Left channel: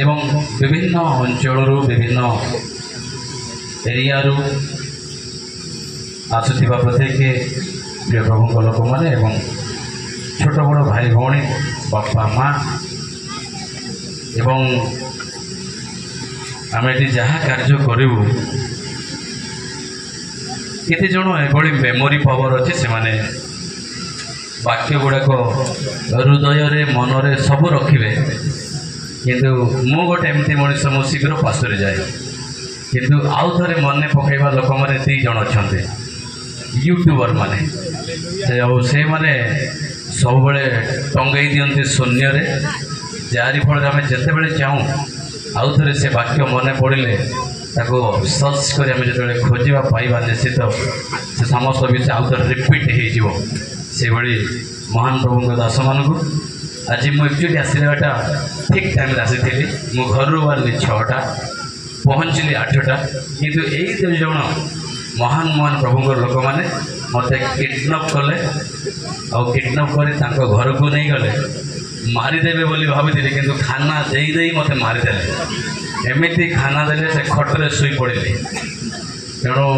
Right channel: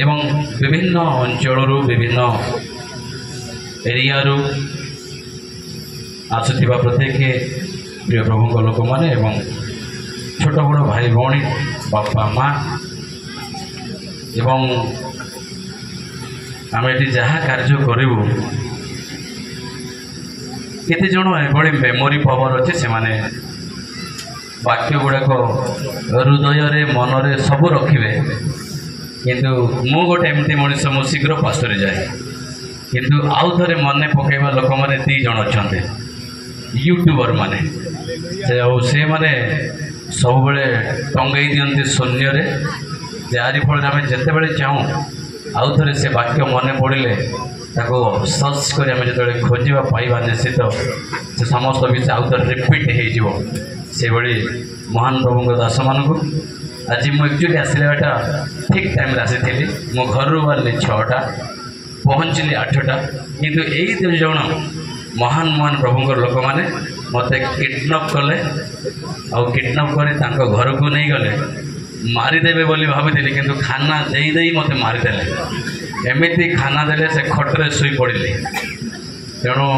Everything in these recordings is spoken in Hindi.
एवं विभिन्न अंचल विभिन्न एरिया आसुवा प्रत्येक प्रिय प्रभु लोक मैंने छोट बड़ भाई भौणी बापा माँ एवं आम ये जहाँ कार्य करूँ केते जन एभली मेमोरी पावर अच्छे से माने वाक्य गुड़ाक हृदय मनरे सब रखिए किंतु मु गोटे एमती मनीष मु शीघ्र पास्टर जाए किंतु आउ थे मन पकड़ा लोक मैंने 2 जन अच्छा यूट्यूबर माने से माने सब टंगे दिखते शून्य जारी फल आम जिते चाहूँ आउ थे से वाक्य मन पड़े सर्च कर खोजा पाइबा निश्चित से समस्त विषय आउ थे रिपीट हो महान प्रभु दास मान आज मुझे आसला ठीक टाइम आसी मो घर बाहर 6टा पहुँचली 8टा किंतु यही 2 जन महान महान प्रभु लोक मैंने मत किडनैप कले और किडनैप कर घर को नहीं गले मारिदेवे बोली भाभी किंतु खाना दे मत मारिदेले एमती खाना देले से खटरे शुई पड़े तेणु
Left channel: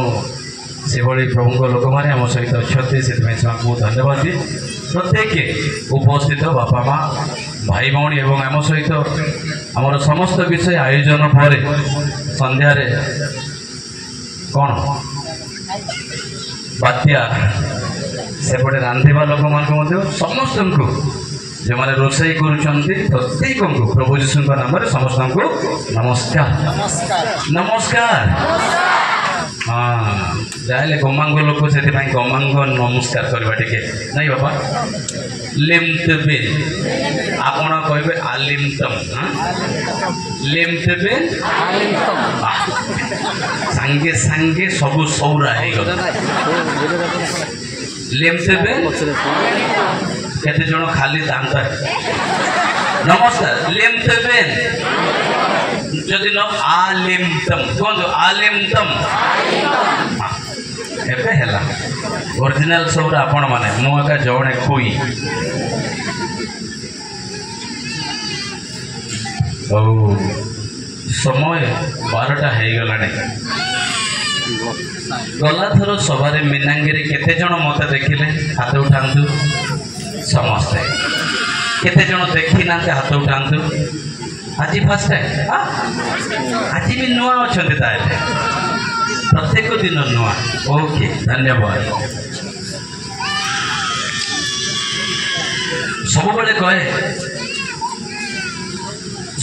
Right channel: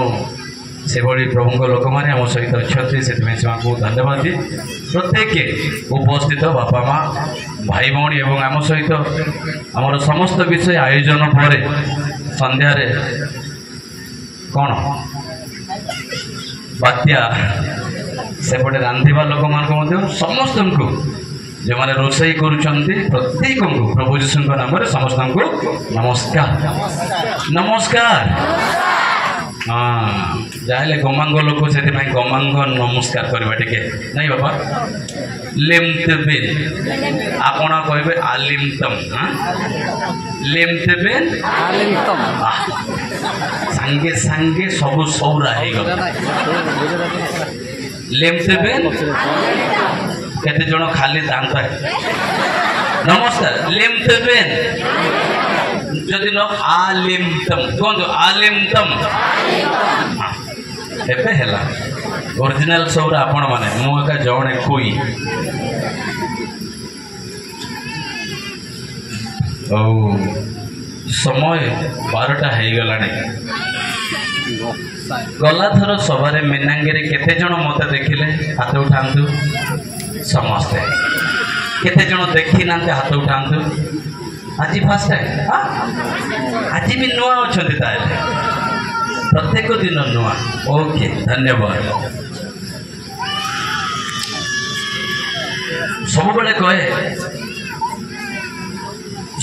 से भली प्रभु लोक मैंने आम सहित अच्छा से बहुत धन्यवाद दिए प्रत्येक उपस्थित बापा माँ भाई भौणी एवं आम सहित आमर समस्त विषय आयोजन पर संध्या कौन बात्या सेपटे रांधिबा लोक मान समस्त को जो मैंने रोषे प्रत्येक को प्रभु जीशु नाम समस्त को नमस्कार नमस्कार हाँ जाए गमांग लोक से गमांग नमस्कार करवा टे नहीं बाबा लिमतेबेन आपण कहे आलिमतम लिमतेबेन सांगे सांगे सब सौरा लिमतेबेन केते जण खाली दांता नमस्कार लिमतेबेन जदि न आलिमतम कौन आलिमतम एबे हैला ओरिजिनल सौरा आपण माने मुका जणे कोई ओ समय 12टा हो गलानी गला थर सवारे मीनांगे केते जण मत देखिले हाथ उठांतु समस्ते केते जण देखी ना हाथ उठांतु आज फर्स्ट टाइम आज भी नुआ अच्छा प्रत्येक दिन नुआ ओके धन्यवाद सब बड़े कहे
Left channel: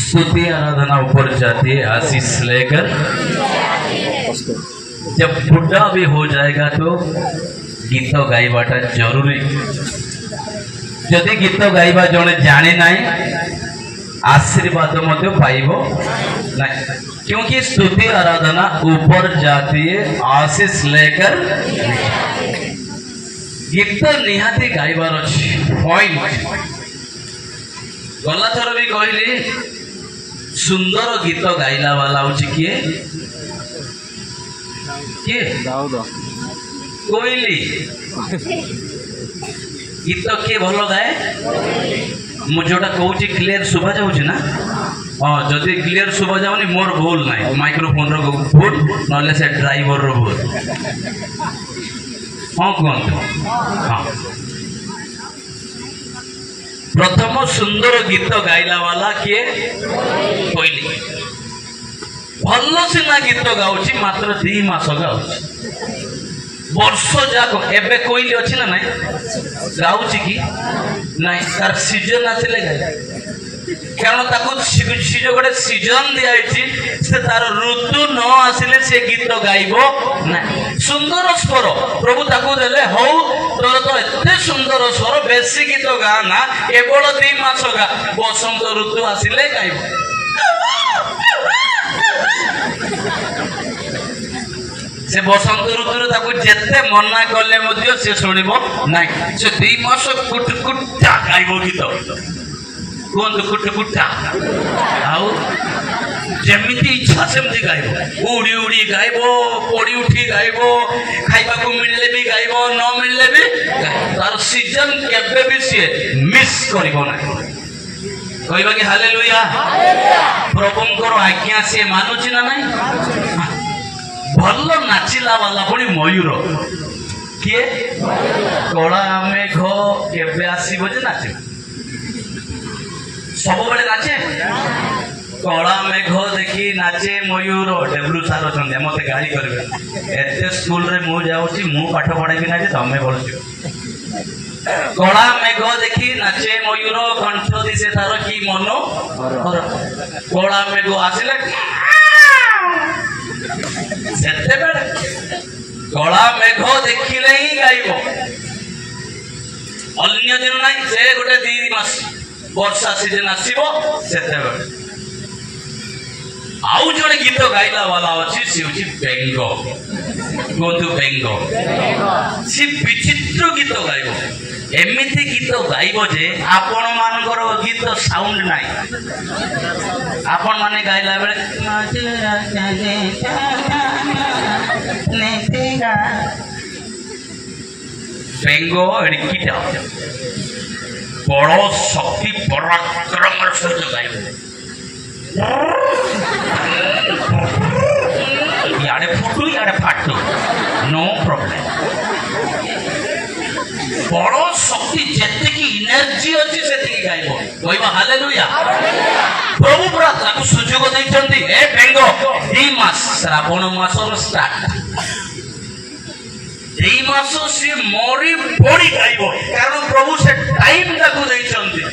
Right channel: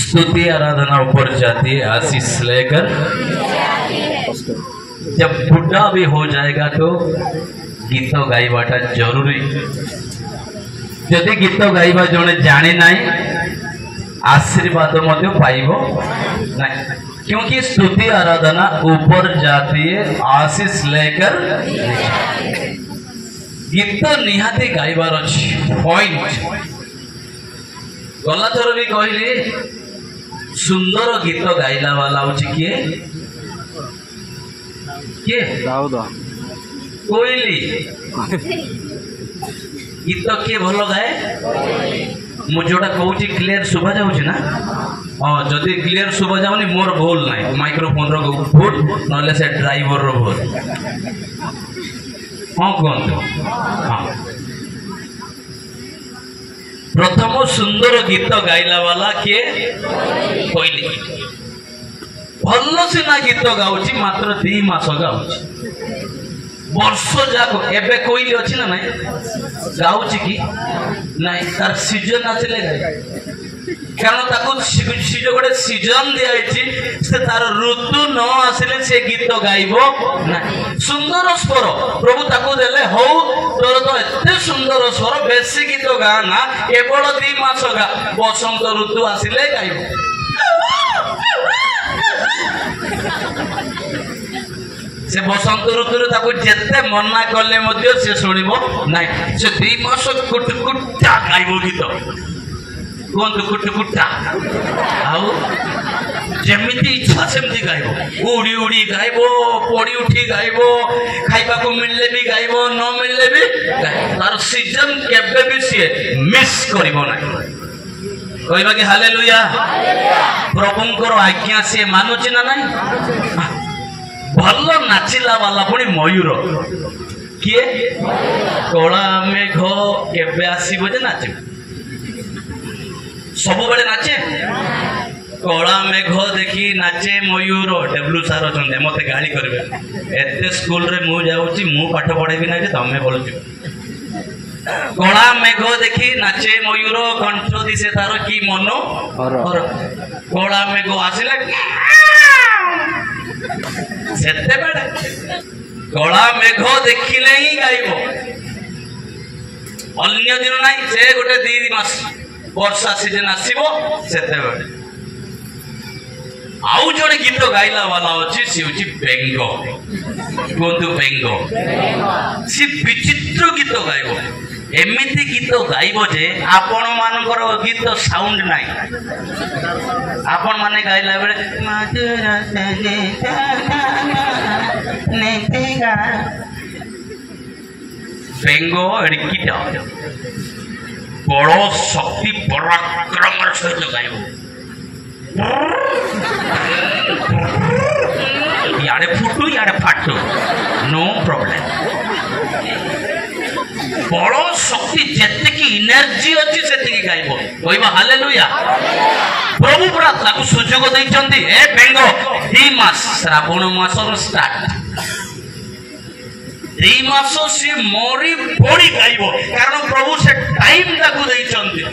स्तुति आराधना ऊपर जाती है आशीष लेकर जब बुढ़ा भी हो जाएगा तो गीत गाइबाटा जरूरी जदि गीत गाइबा जने जाने नहीं आशीर्वाद मध्य पाइबो नहीं क्योंकि स्तुति आराधना ऊपर जाती है आशीष लेकर गीत निहाती गाइबार अच्छी पॉइंट गला थर भी कहली सुंदर गीत गाइला वाला हूँ किए किए कोइली गीत किए भल गाए मुझे जोटा कहूँ क्लियर शुभा जाऊँ ना हाँ जदि क्लियर शुभा जाऊनी मोर भूल ना माइक्रोफोन रो भूल ना से ड्राइवर रो भूल हाँ कहते हाँ प्रथम सुंदर गीत गाइला वाला किए कोइली भल सीना गीत गाउची मात्र 2 मास गाउची वर्ष जाक एबे कोइली अछि ना नहीं गाउची की नहीं तार सीजन आसिले कारण ताको गोटे सीजन दिखाई से तार ऋतु न आसिले से गीत गाइबो ना सुंदर स्वर प्रभु ताको देले हौ तो एते सुंदर स्वर बेसी गीत गा ना केवल 2 मास गा बसंत ऋतु आसिले गाइबो से बसंत ऋतु ताको जेते मना कले मध्य से सुनिबो नाही से 2 मास कुटकुटा गाइबो गीत कौन कुटकुटा आउ जमीती इच्छा सेमती गाइबो उड़ी उड़ी गाइबो पड़ी उठी गाइबो खाइबा को मिलले भी गाइबो न मिलले भी तार सीजन केबे भी सी मिस करिबो ना कहबा कि हालेलुया प्रभुंकर आज्ञा से मानुची ना नहीं भल नाचिला वाला पुणी मयूर किए कला मेघ केबे आसीबो जे नाचे सब बेले नाचे कला मेघ देखी नाचे मयूर डेब्लू सार अच्छा मत गाड़ी करेंगे एत स्कूल रे मु जाऊँगी मु पाठ पढ़ेबी ना तमें बोल कला मेघ देखी नाचे मयूर कंठ दिशे तार कि मन कला मेघ आसिले कला मेघ देखिले ही गाइब अन्य दिन ना से गोटे 2 मास वर्षा सीजन आसो से आउ जड़े गीत गाइला वाला अच्छी सी हूँ बेंग कहतु बेंग सी विचित्र गीत गाइब एमती गीत गाइब जे आपण मानकर गीत साउंड नाई आपण माने गाइला बेले बेंग एड़कीटा बड़ शक्ति पराक्रम सहित गाइब याडे फुटू याडे फाटू नो प्रॉब्लम बड़ शक्ति जेते की एनर्जी अछि सेति की गाइबो कहबा हालेलुया प्रभु पूरा ताकू सुजोग दैचंती ए बेंगो ई मास श्रावण मासर स्टार्ट ए मासो से मोरी बड़ी गाइबो कारण प्रभु से टाइम ताकू दैचंती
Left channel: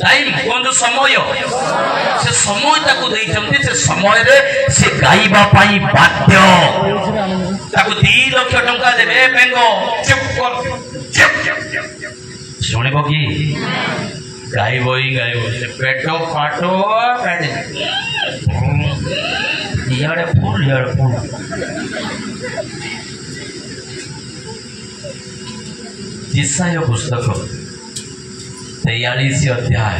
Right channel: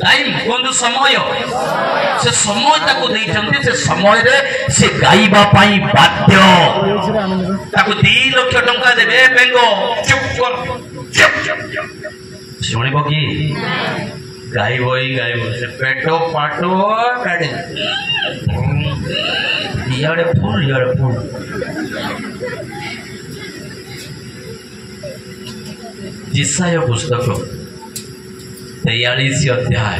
टाइम कोंदु समय से समय ताकू दैचंती से समय रे से गाइबा पाई बाध्य ताकू 2 लाख टंका देबे बेंगो चुप कर शुणिबो की गाइबो ही गाइबो से पेटो पाटो काडे याडे फूल जिसाया पुस्तक 43 अध्याय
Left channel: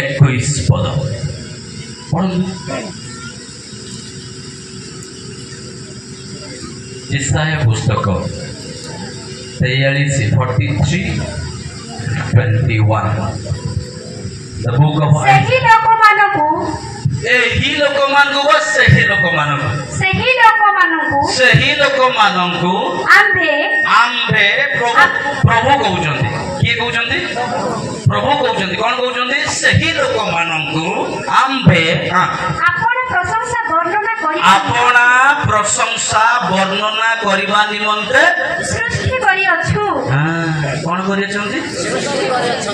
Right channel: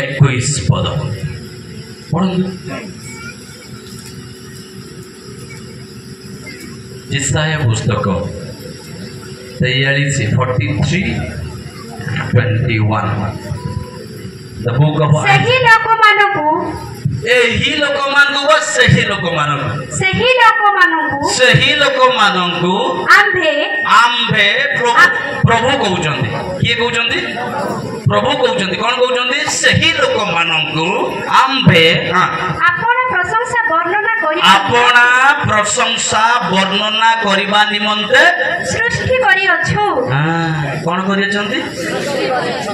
21 पद पढ़ंतु जिसाया पुस्तक 43:21 द बुक ऑफ सही लोकमानकु एही लोकमानकु सही लोकमानकु आम्भे प्रभु कहउचंदी किए कहउचंदी प्रभु कहउचंदी कोन कहउचंदी सही लोकमानकु आम्भे आपना प्रशंसा वर्णना करिबा निमंते सृष्टि करि अछु कोन करियछंती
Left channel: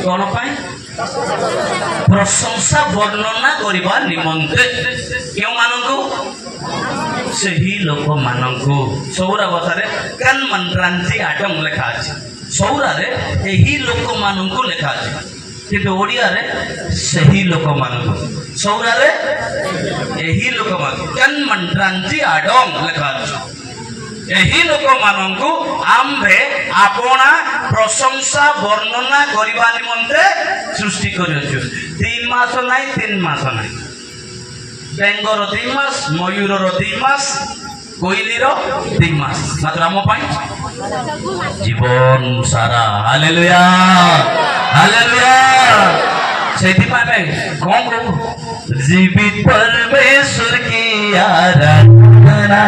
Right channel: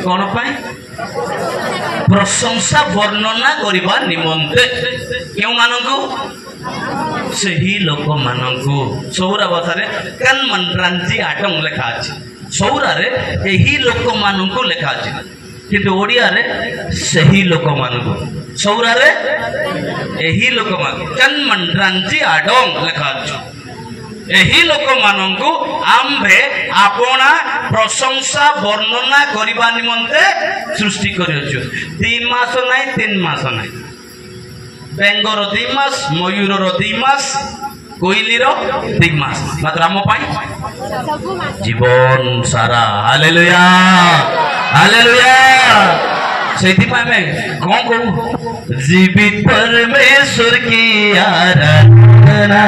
कोन पाई प्रशंसा वर्णना करिबा निमंते केउ मानकु सही लोक मानकु सौरा भाषा कान मंत्रांची आटम लेखा अछि सौरा रे एही लोक मानकु लेखा अछि किंतु ओडिया रे सही लोक मानकु सौरा रे एही लोक मान कान मंत्रांची आडम लेखा अछि एही लोक मानकु आम्भे आपना प्रशंसा वर्णना करिबा निमंते सृष्टि करियछु 3 मास नाही 3 मास नाही बेंगर 2 मास मयूर 2 मास कोइलीर 3 मास मात्र आम पाई जीवन सारा हालेलुया हालेलुया सेति में कौन कहू जीवित परमेश्वर की आराधना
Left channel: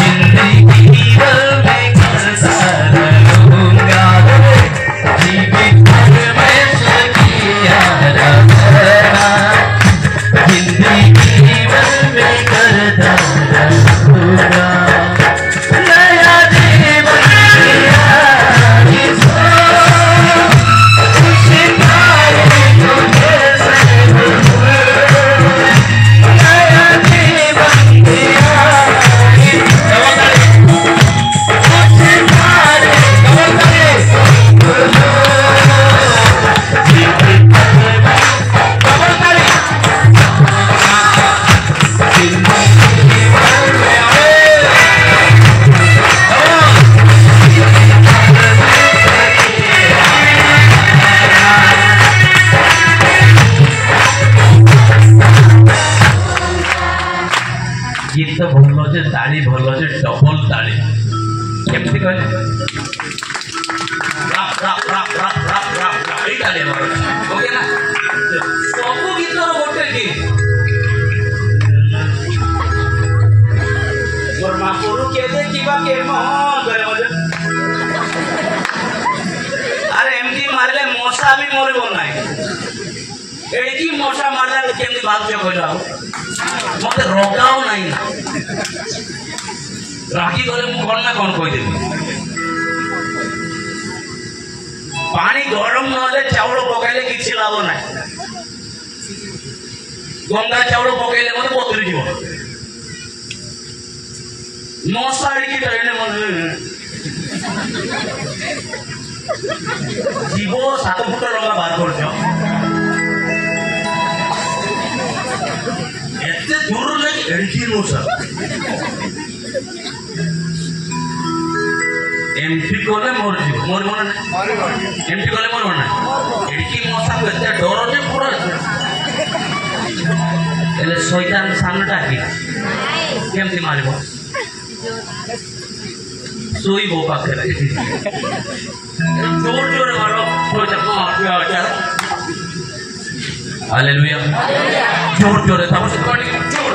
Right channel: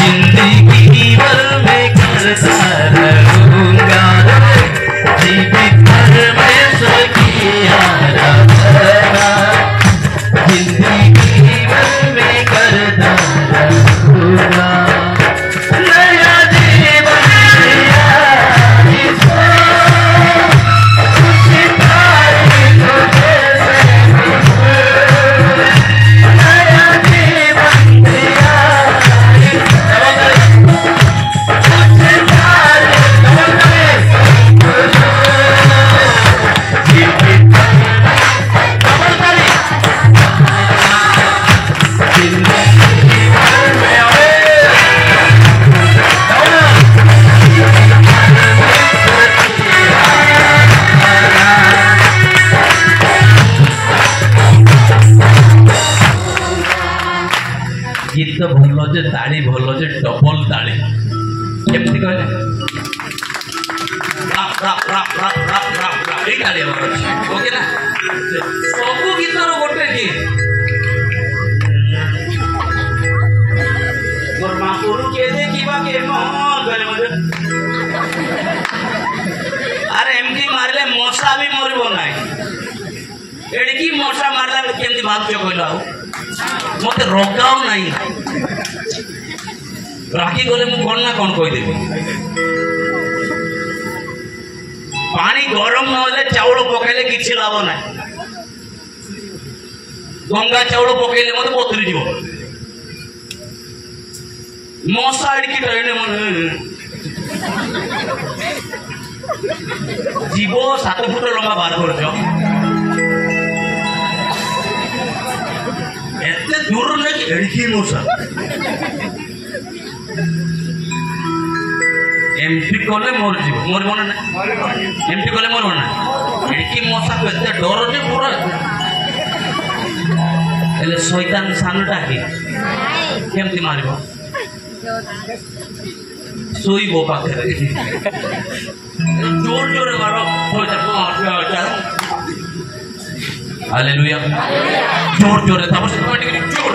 जिंदगी भर में करता रहूंगा जीवित परमेश्वर की आराधना जिंदगी भर में करता रहूंगा नया जीवन दिया इसको सितारे तुझे से नया जीवन दिया गीत भल जे ताली भल जे डबल ताली केमती कहले ताली ओके ना सब गीतर गोटे कि मोर महापुरु के देखिबा के मन करे मजे अरे एमती मारले मशा भी मरबो नाही एडकी मशा मारला केमती बात पे कहला मते रोकाओ नाही राखी गले मु कोन ना कोन कहि देबी पानी गरम नले चावल पकाइले किछि लाभ नाही गंगा चावल पकाइले मते बतरी जीव मशा एडकी डरने मन जीव 7 फुट लंबा बार करछ एते दूर नहीं एडकी मशा एमपी कोले मोर जीव मोर मन एमपी कोले मोर ना एडकी मशा एते डर जे पूरा एले शैतान सानटा की केमती मारबो सोईबो पाखे जोर जोर मारो हालेलुया जोर जोर तब से पानी जोर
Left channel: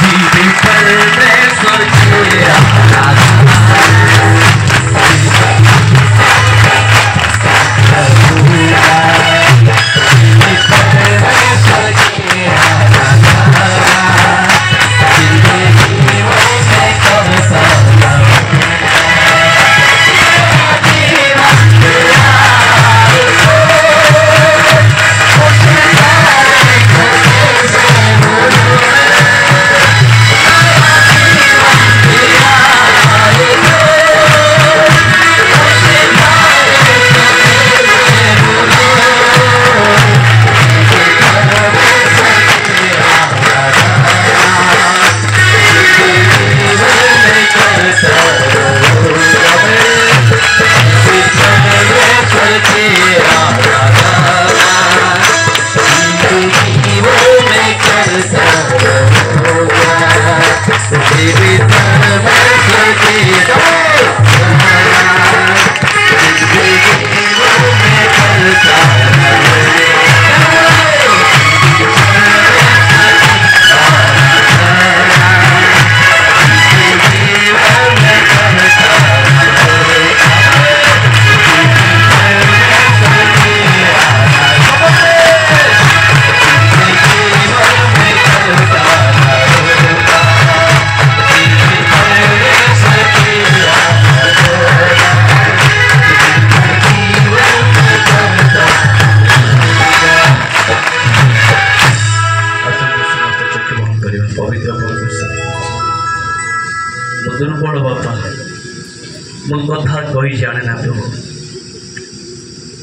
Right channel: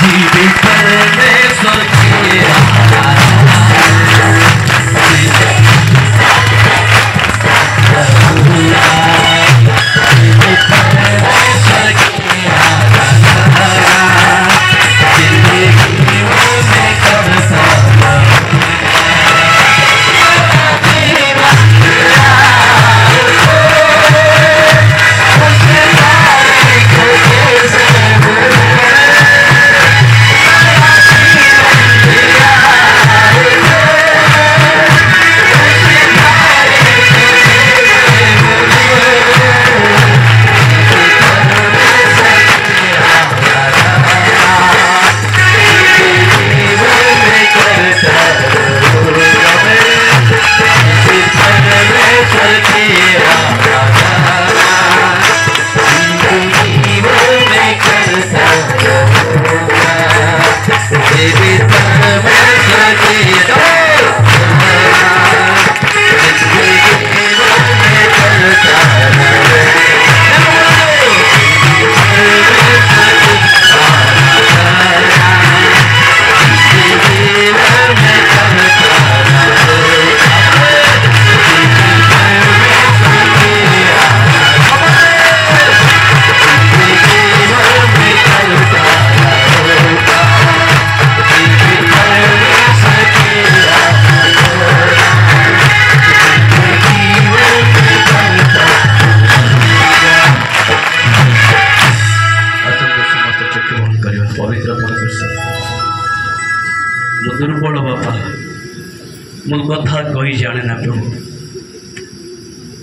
जीवित ने सोचिया दुर्बल बापा मो कथा कही जाने ना प्रभु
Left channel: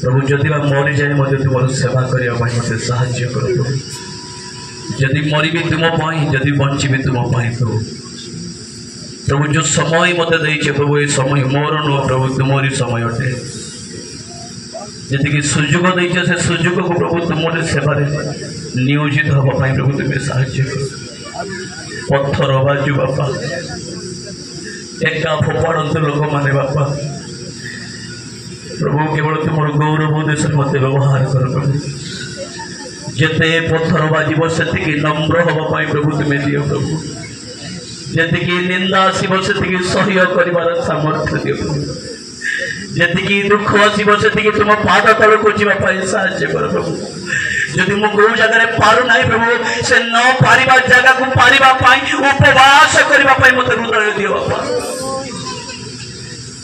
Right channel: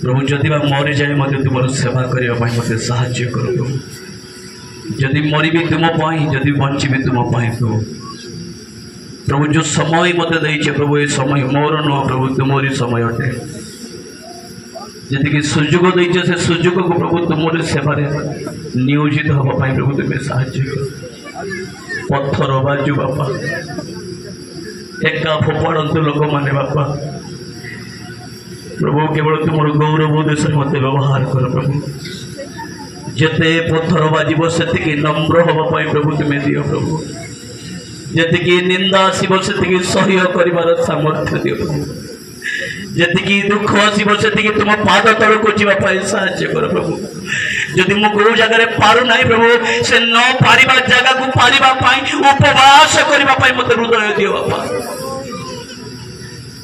प्रभु जदि मरी जाए मत तुम सेवा करने मत साहाय्य कर जदि मरी भी तुम जदि बंची भी तुम प्रभु प्रभु जो समय मत दे प्रभु ये समय मोर नुह प्रभु तुमरी समय अटे जी सुजोग दे से सुजोग को प्रभु तुम सेवार नियोजित हाँपाई प्रभु तुम्हें साहाय्य कर पत्थर बाजू बापा एका फोपाड़ू लोक मैंने बापा प्रभु केवल तुम गौरव देश मत व्यवहार कर प्रभु जिते पत्थर बाजब से नम्र हाँपाई प्रभु तुम्हें दियो प्रभु जी निंदा आसब से सह्य कर सामर्थ्य दियो प्रभु जी दुख आसब से तुम पाद तल को जावाई साहाय्य कर प्रभु जदि मु को जगह पारु ना प्रभु से न पारिबा जगह को पारिबा पाई उपवास करबा पाई मते हृदय दियो बापा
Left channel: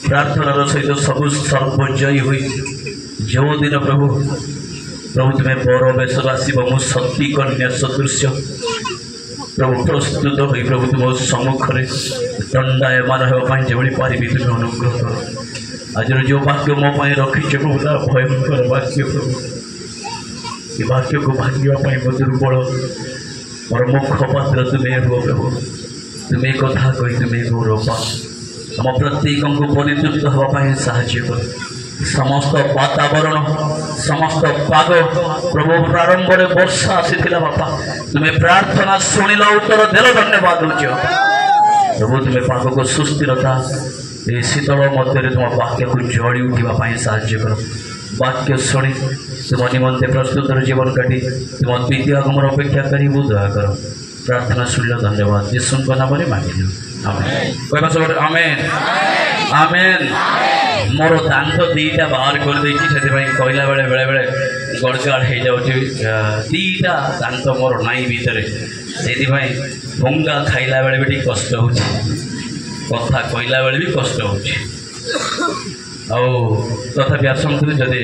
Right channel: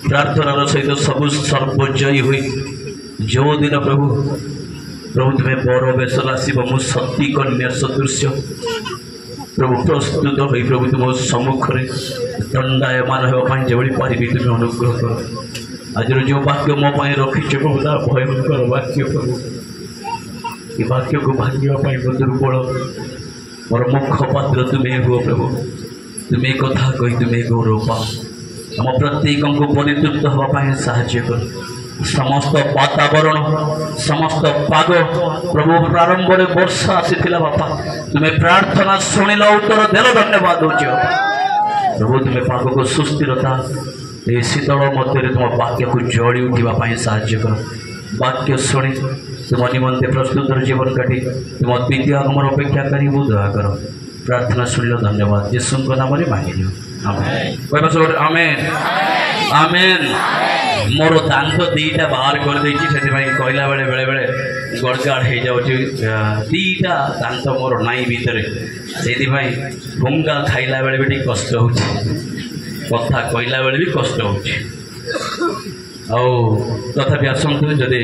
प्रार्थना सहित सब सर्वजयी हुई जो दिन प्रभु प्रभु तुम्हें बर बेश आसब मु सती कन्या सदृश प्रभु प्रस्तुत हो प्रभु तुम सम्मुखें दंडायमान होगा जो पारि तुम्हें अनुग्रह कर आज जो वाक्य मो रखीच प्रभु भयंकर वाक्य प्रभु ये वाक्य को भांगापी मो दुर्बल मोर मुखपात्र तुम्हें हुआ प्रभु तुम्हें कथा कही तुम्हें गौरव पा आम प्रत्येक को परितृप्त हाँपाई साहाय्य कर समस्त वातावरण समस्त पाग प्रभु प्रारंभ में वर्षा आसी बापा तुम्हें प्रार्थना शुणिल उत्तर देल धन्यवाद हो प्रभु तुम्हें पाग को सुस्थिरता ए शीतल मध्य तुम वाक्य को जोड़ी उठा साहाଯ୍य कर वाक्य शुणी तुम निमंते प्रस्तुत जीवन काटी तुम द्वितीय आगमन अपेक्षा करी दया कर प्रार्थना शुणिल धन्यवाद यीशु नाम मांगिल आमेन आमेन आमेन मोर दांत दीटा बाहर कर देछि से कहला बेले बेले बेले गड़गड़ हो जाऊँगी दीटा दांत मोर नाई भितर से भंगा खाइला बेले भी कष्ट हो कथा कहला बेले भी कष्ट हो तथापि आसतु जदि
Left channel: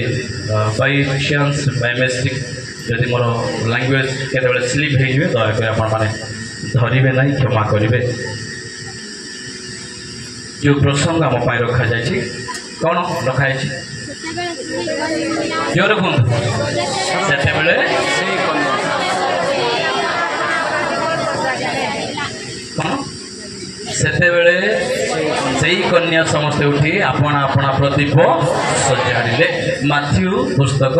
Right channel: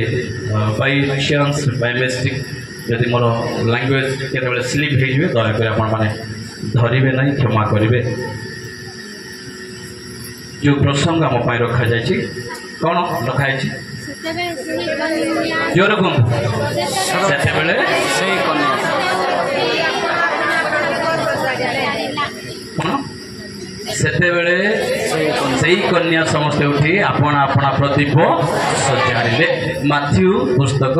बाई चान्स बाई मिस्टेक जदि मोर लैंग्वेज केतबेले स्लिप हो दयाकोरी आपण मैंने धरवे ना क्षमा करेंगे जो प्रसंग आम रखा जाए कौन रखाई जोर कहते से कन्या समस्ते उठी आपण अपना प्रदीप सजाड़े माथ्यू पुस्तक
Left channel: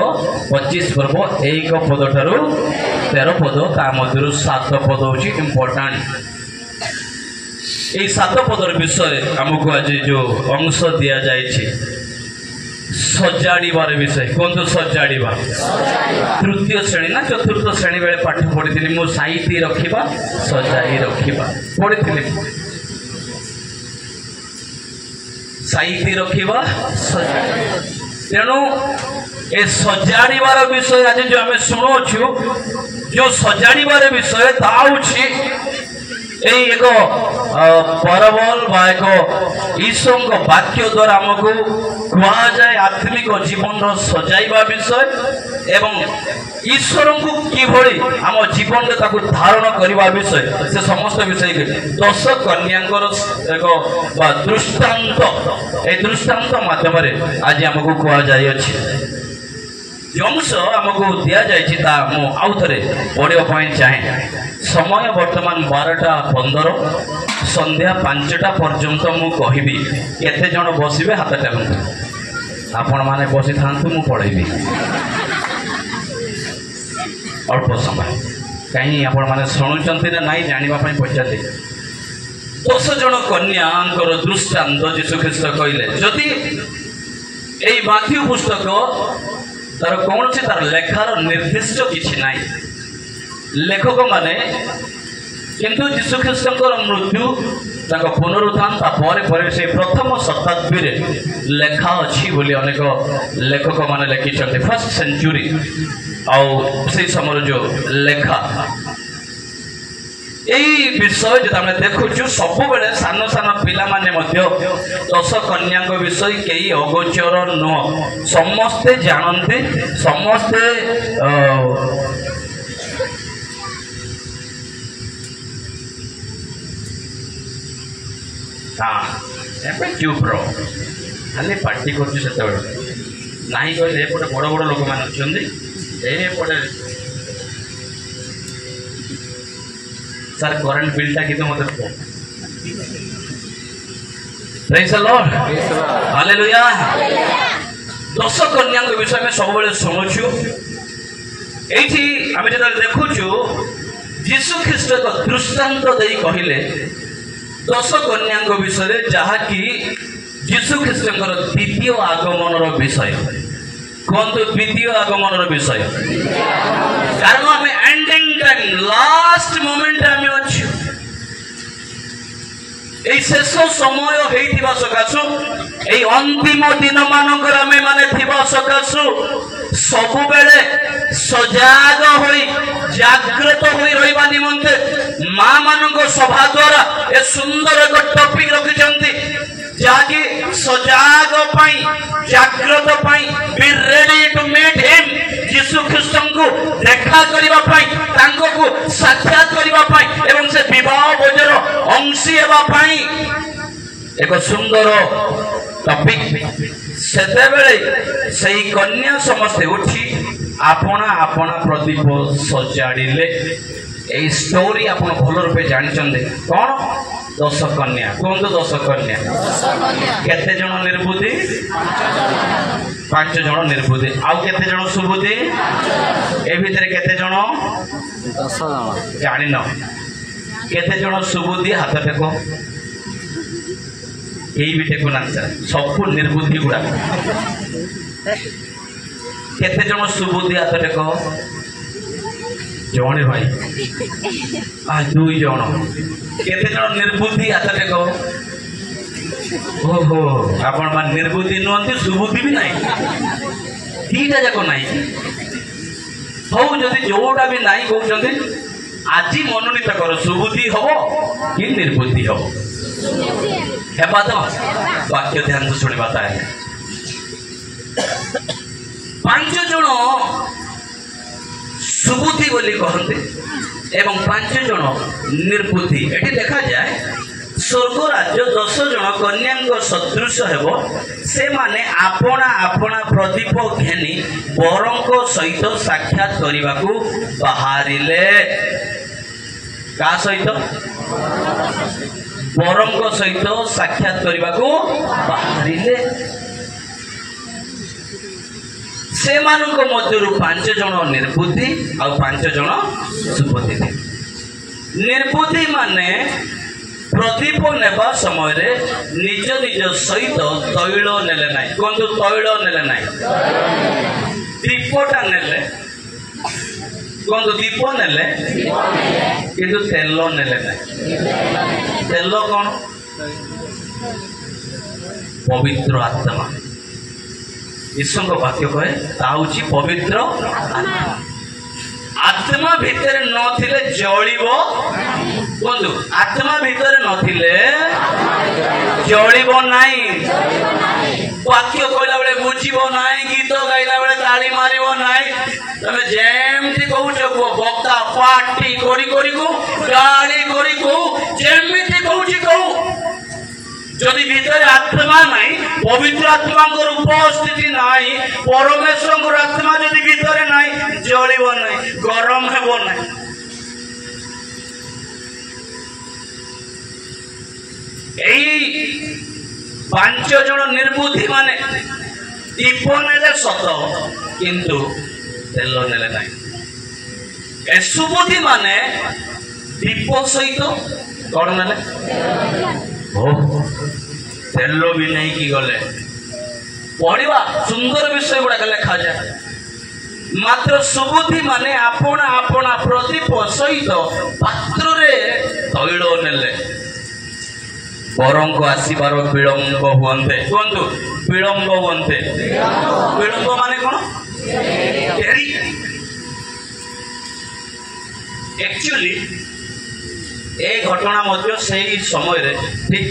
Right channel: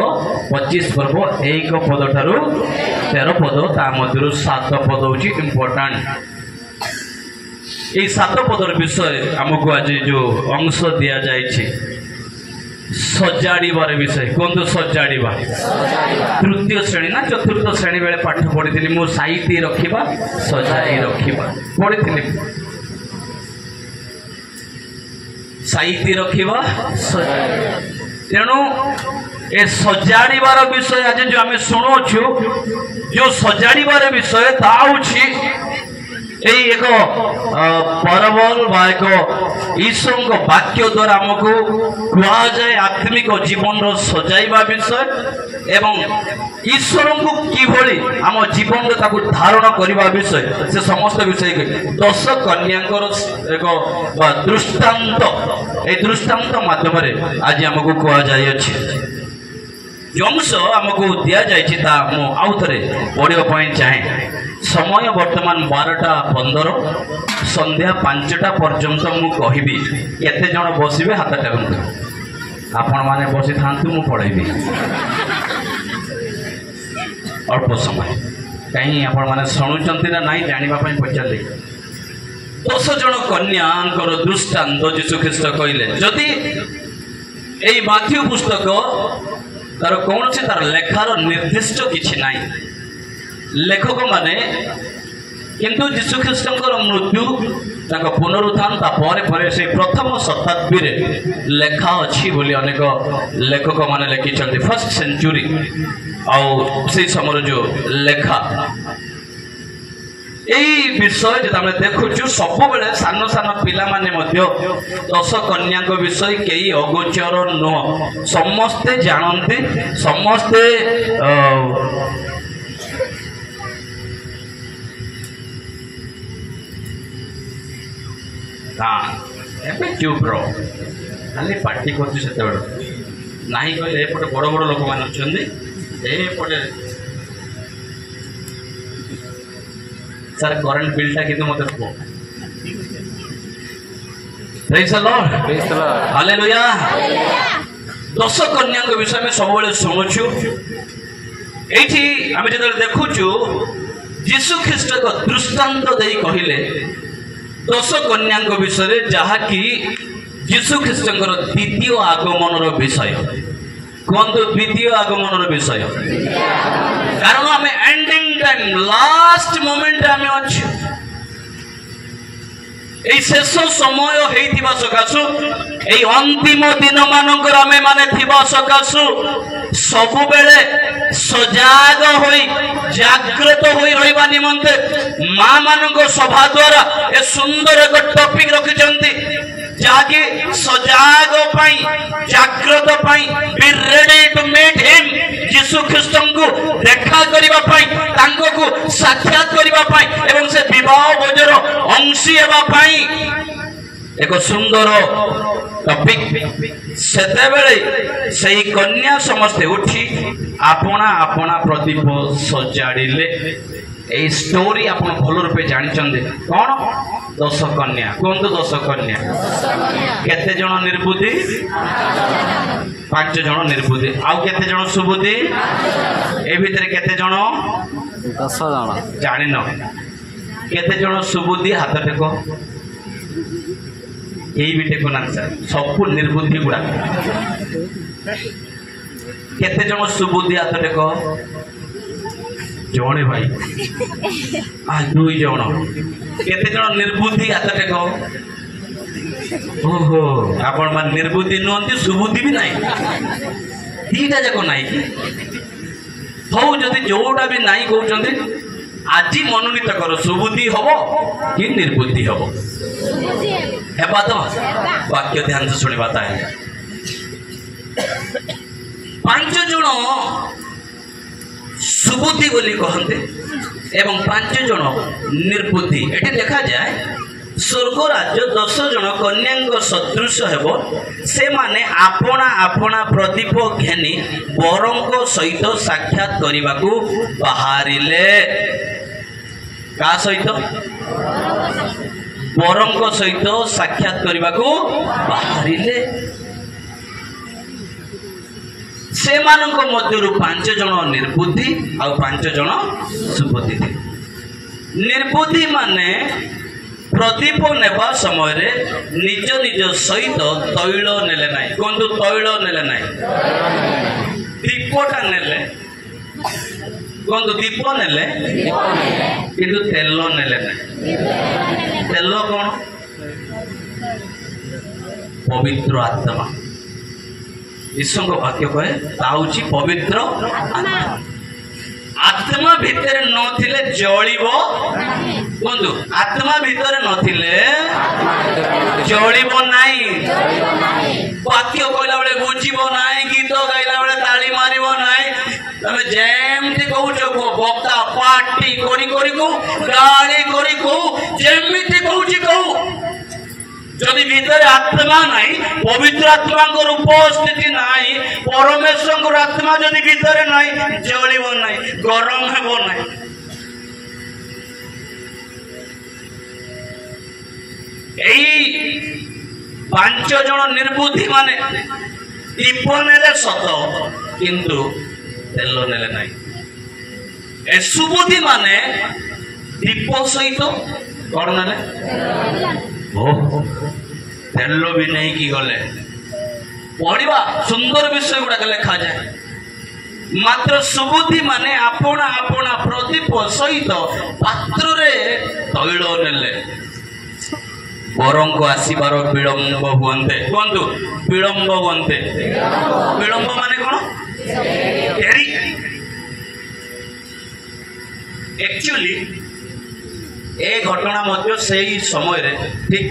25 पर्व 1 पद ठारू 13 पद ता मध्य 7 पद हूँ इम्पोर्टाट ये 7 पदर विषय आमको आज जो अंश दि जाए सजाड़बार विषय कहतु सजाड़ा तृतीय श्रेणी ना चतुर्थ श्रेणी बेले पाठ पढ़ी मु साइटी रखा सजाई रखा पढ़ी साइटी रखा तेणु ए सजाड़बार विषय आज जो आम शुणुचु जो सजाड़बार विषय एक परबल बा एक ईश्वर वाक्य द्वारा आमको कह जाए आत्मिक जीवन सजाइबा विषय एवं ईश्वर को किभली आम जीवन धारण करने विषय से समस्त विषय 10 कन्यांकर एक दृष्टांत ए दृष्टांत माध्यम आज आमको कह जाए अंश आमको दि जाए आउ थे पढ़ापी चाहे समय वर्तमान 12:15 संध्या 5टा पर्यंत मु कहबी केते जण बसिबे हाथ टाकंतु आपण माने बसी थांतु मु पढ़ेबी अल्प समय कहीं आपण माने शुणुचंती ना नहीं जानिबा पई पचाले 10 जण कन्यांकर दृष्टांत यीशु ख्रीष्ट कहले जदि एई माथ्यू पुस्तक तार कौन से तार लेखार निर्दिष्ट किछि नाही लेखक माने किंतु यीशु ख्रीष्टंकर मृत्यु ताक पुनरुत्थान तापर से प्रथम शताब्दी रे लेखा अच्छी बोली अनेक लेखक माने लिखिछन्ते फर्स्ट सेंचुरी आउ से समय जो लेखा यही विषय जो आम देखुचु सब बेले सान सान पिला माने मध्य 10 कन्या विषय कई अगोचर नुह समस्ते जानते समस्ते हाँ चुप रो खाली पार्टी कर नहीं कहले एपटे बड़ बड़ लोक मैंने अच्छे सर करेंट बिलटा कि मत हालेलुया 10 कन्या विषय में सब शुणुचु ये आम जो देखुचु यीशु ख्रीष्ट दृष्टांत दे कहले 10 कन्या विषय जहाँकि यीशु ख्रीष्टर द्वितीय आगमन विषय कहतु द्वितीय आगमन विषय कारण आम एंडिंग टाइम लास्ट मोमेंट आम अच्छे शेष समय होइथिबा सकाशु ए अंतिम दिन मानकर आम माने थिबा सकाशु सबु बेले सजाग होई जागृत होई रहिबा निमंते मां मानक सभा द्वारा ए सुंदर एक टॉपिक रखिचंती जाकी सजाग पाई जागृत पाई be ready to meet him यीशु ख्रीष्टन को देखा करिबा पाई तांको को साक्षात करिबा पाई एवं से विवाह भोजर अंशी हेबा पाई एक सुंदर टॉपिक सेते बेले सही कन्या समस्ते उठी आपना आपना प्रदीप सजाड़िले ए स्टोरी आपण भल रूपे जानिचंदे कौन 10 कन्या कहतु 10 कन्या केते जण निर्बुद्धि 5 जण निर्बुद्धि आउ केते जण सुबुद्धि ए भितर केते जण 10 जण जानि न केते जण सुबुद्धि हाथ टेको यही भी टेकुन आंसर सब निर्बुद्धि गुड़ा केते जन सुबुद्धि हाथ टेक जणे भाई आ दुई जन केते जन निर्बुद्धि हाथ टेक ओहो आपण मान निर्बुद्धि नुहंती सुबुद्धि भी नहीं दीटा जाक नहीं हौ जदि जोटा भी नहीं कहते आज मनोनीत कर सुबुद्धि हम कि निर्बुद्धि हम हेबा तो वाक्य ध्यान से शुणा ताहे 5 जन सुबुद्धि बोली कहते एवं 5 जन निर्बुद्धि एटी देखा जाए स्वर्ग राज्य 10 जन कन्या सदृश हेब से माने आपना आपना प्रदीप घेनी बरंक सहित साक्षात करने को बाहरिले का सहित बरंक सहित साक्षात करने को बाहरिले से मानक मध्यरु 5 जन निर्बुद्धि और 5 जन सुबुद्धि निर्बुद्धि माने प्रदीप नेबा समय रे निज निज सहित तैल नेले नाई कहतु तैल नेले नाई दीपटा नेले कहतु दीप नेले किंतु तेल नेले नाई तेल कौन पवित्र आत्मा ईश्वर वाक्य कहे ताउची पवित्र आत्मा आत्मा भितर नथिले जळिबो बंधु आत्मा भितर नथिले जळिबो नाही वाक्य कहला बेले बुझिबो नाही गीत गाइला बेले ताली मारिबो नाही तमे जेमति कहउछ वक्ता पार्टी करी को गाड़ी करी को जेमति कहउछि कहू जदि भीतर आत्मा नहीं पवित्र आत्मा उपस्थिति नहीं परमेश्वर आत्मा जदि भीतर नहीं जलिब नहीं गरम हेब नहीं यही 5 जन निर्बुद्धि माने दीप नेले सत किंतु तेल नेले नहीं ए सुबुद्धि माने दीप सहित कौन नेले तेल भी नहीं कि गले पढ़ा सुंदर विषय गुड़ाक लिखा जाए मात्र सुबुद्धि माने आपना आपना प्रदीप सहित पात्र रे तैल नेले बरंक आसबार विलंब हुए कहतु विलंब हुए विलंब माने कौन एक्चुअली ए घटना मध्य से समय रे ठीक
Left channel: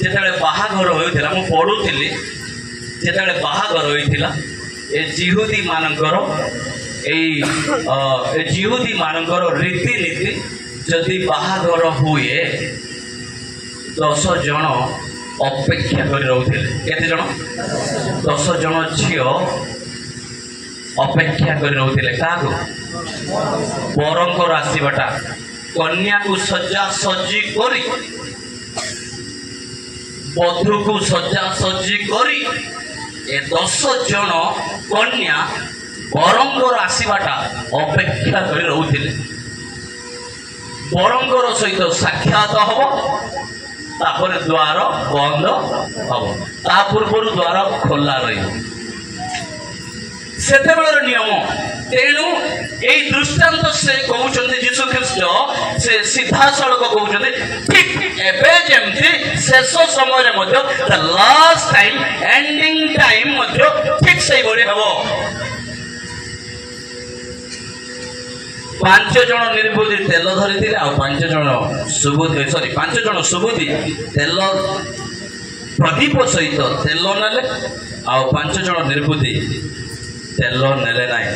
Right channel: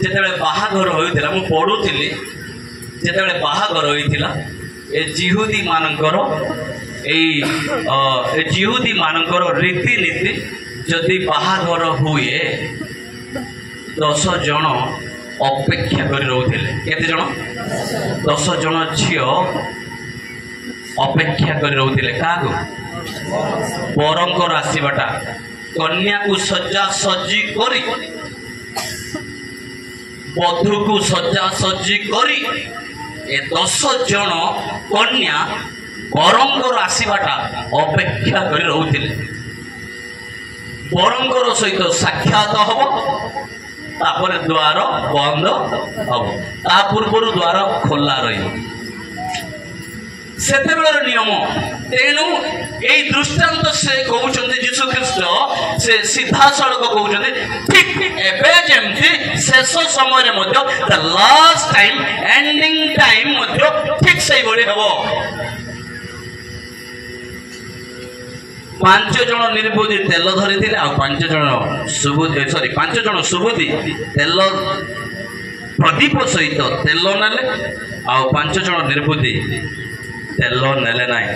जेतेबेले बाहाघर होइतिला मु पढुथिली जेतेबेले बाहाघर होइतिला ए जिहुदी मानकर ए जिहुदी मानकर रीति नीति जदि बाहाघर हुए 10 जन अपेक्षा कर रहउथिले केते जन 10 जन झियो अपेक्षा कर रहउथिले काको बरंकर आसीबाटा कन्या को सज्जा सज्जी करी बधु को सज्जा सज्जी करी ए 10 जन कन्या बरंगर आसीबाटा अपेक्षा कर रहउथिले बरंगर सहित साक्षात हब तापर द्वार बंद हब ता पूर्व द्वार खोला रही सेतेबेलर नियम तेणु यही दृष्टांत से कहते जीशु ख्रीस्ट से सीधा सड़क कहते ठीक एबे जेमती शेष समय the last time ending time ठीक से हम 5 जन निर्बुद्धि तेल धरी आ 5 जन सुबुद्धि सॉरी 5 जन सुबुद्धि तेल प्रदीप सहित तेल नेले आ 5 जन निर्बुद्धि तेल नेले नाई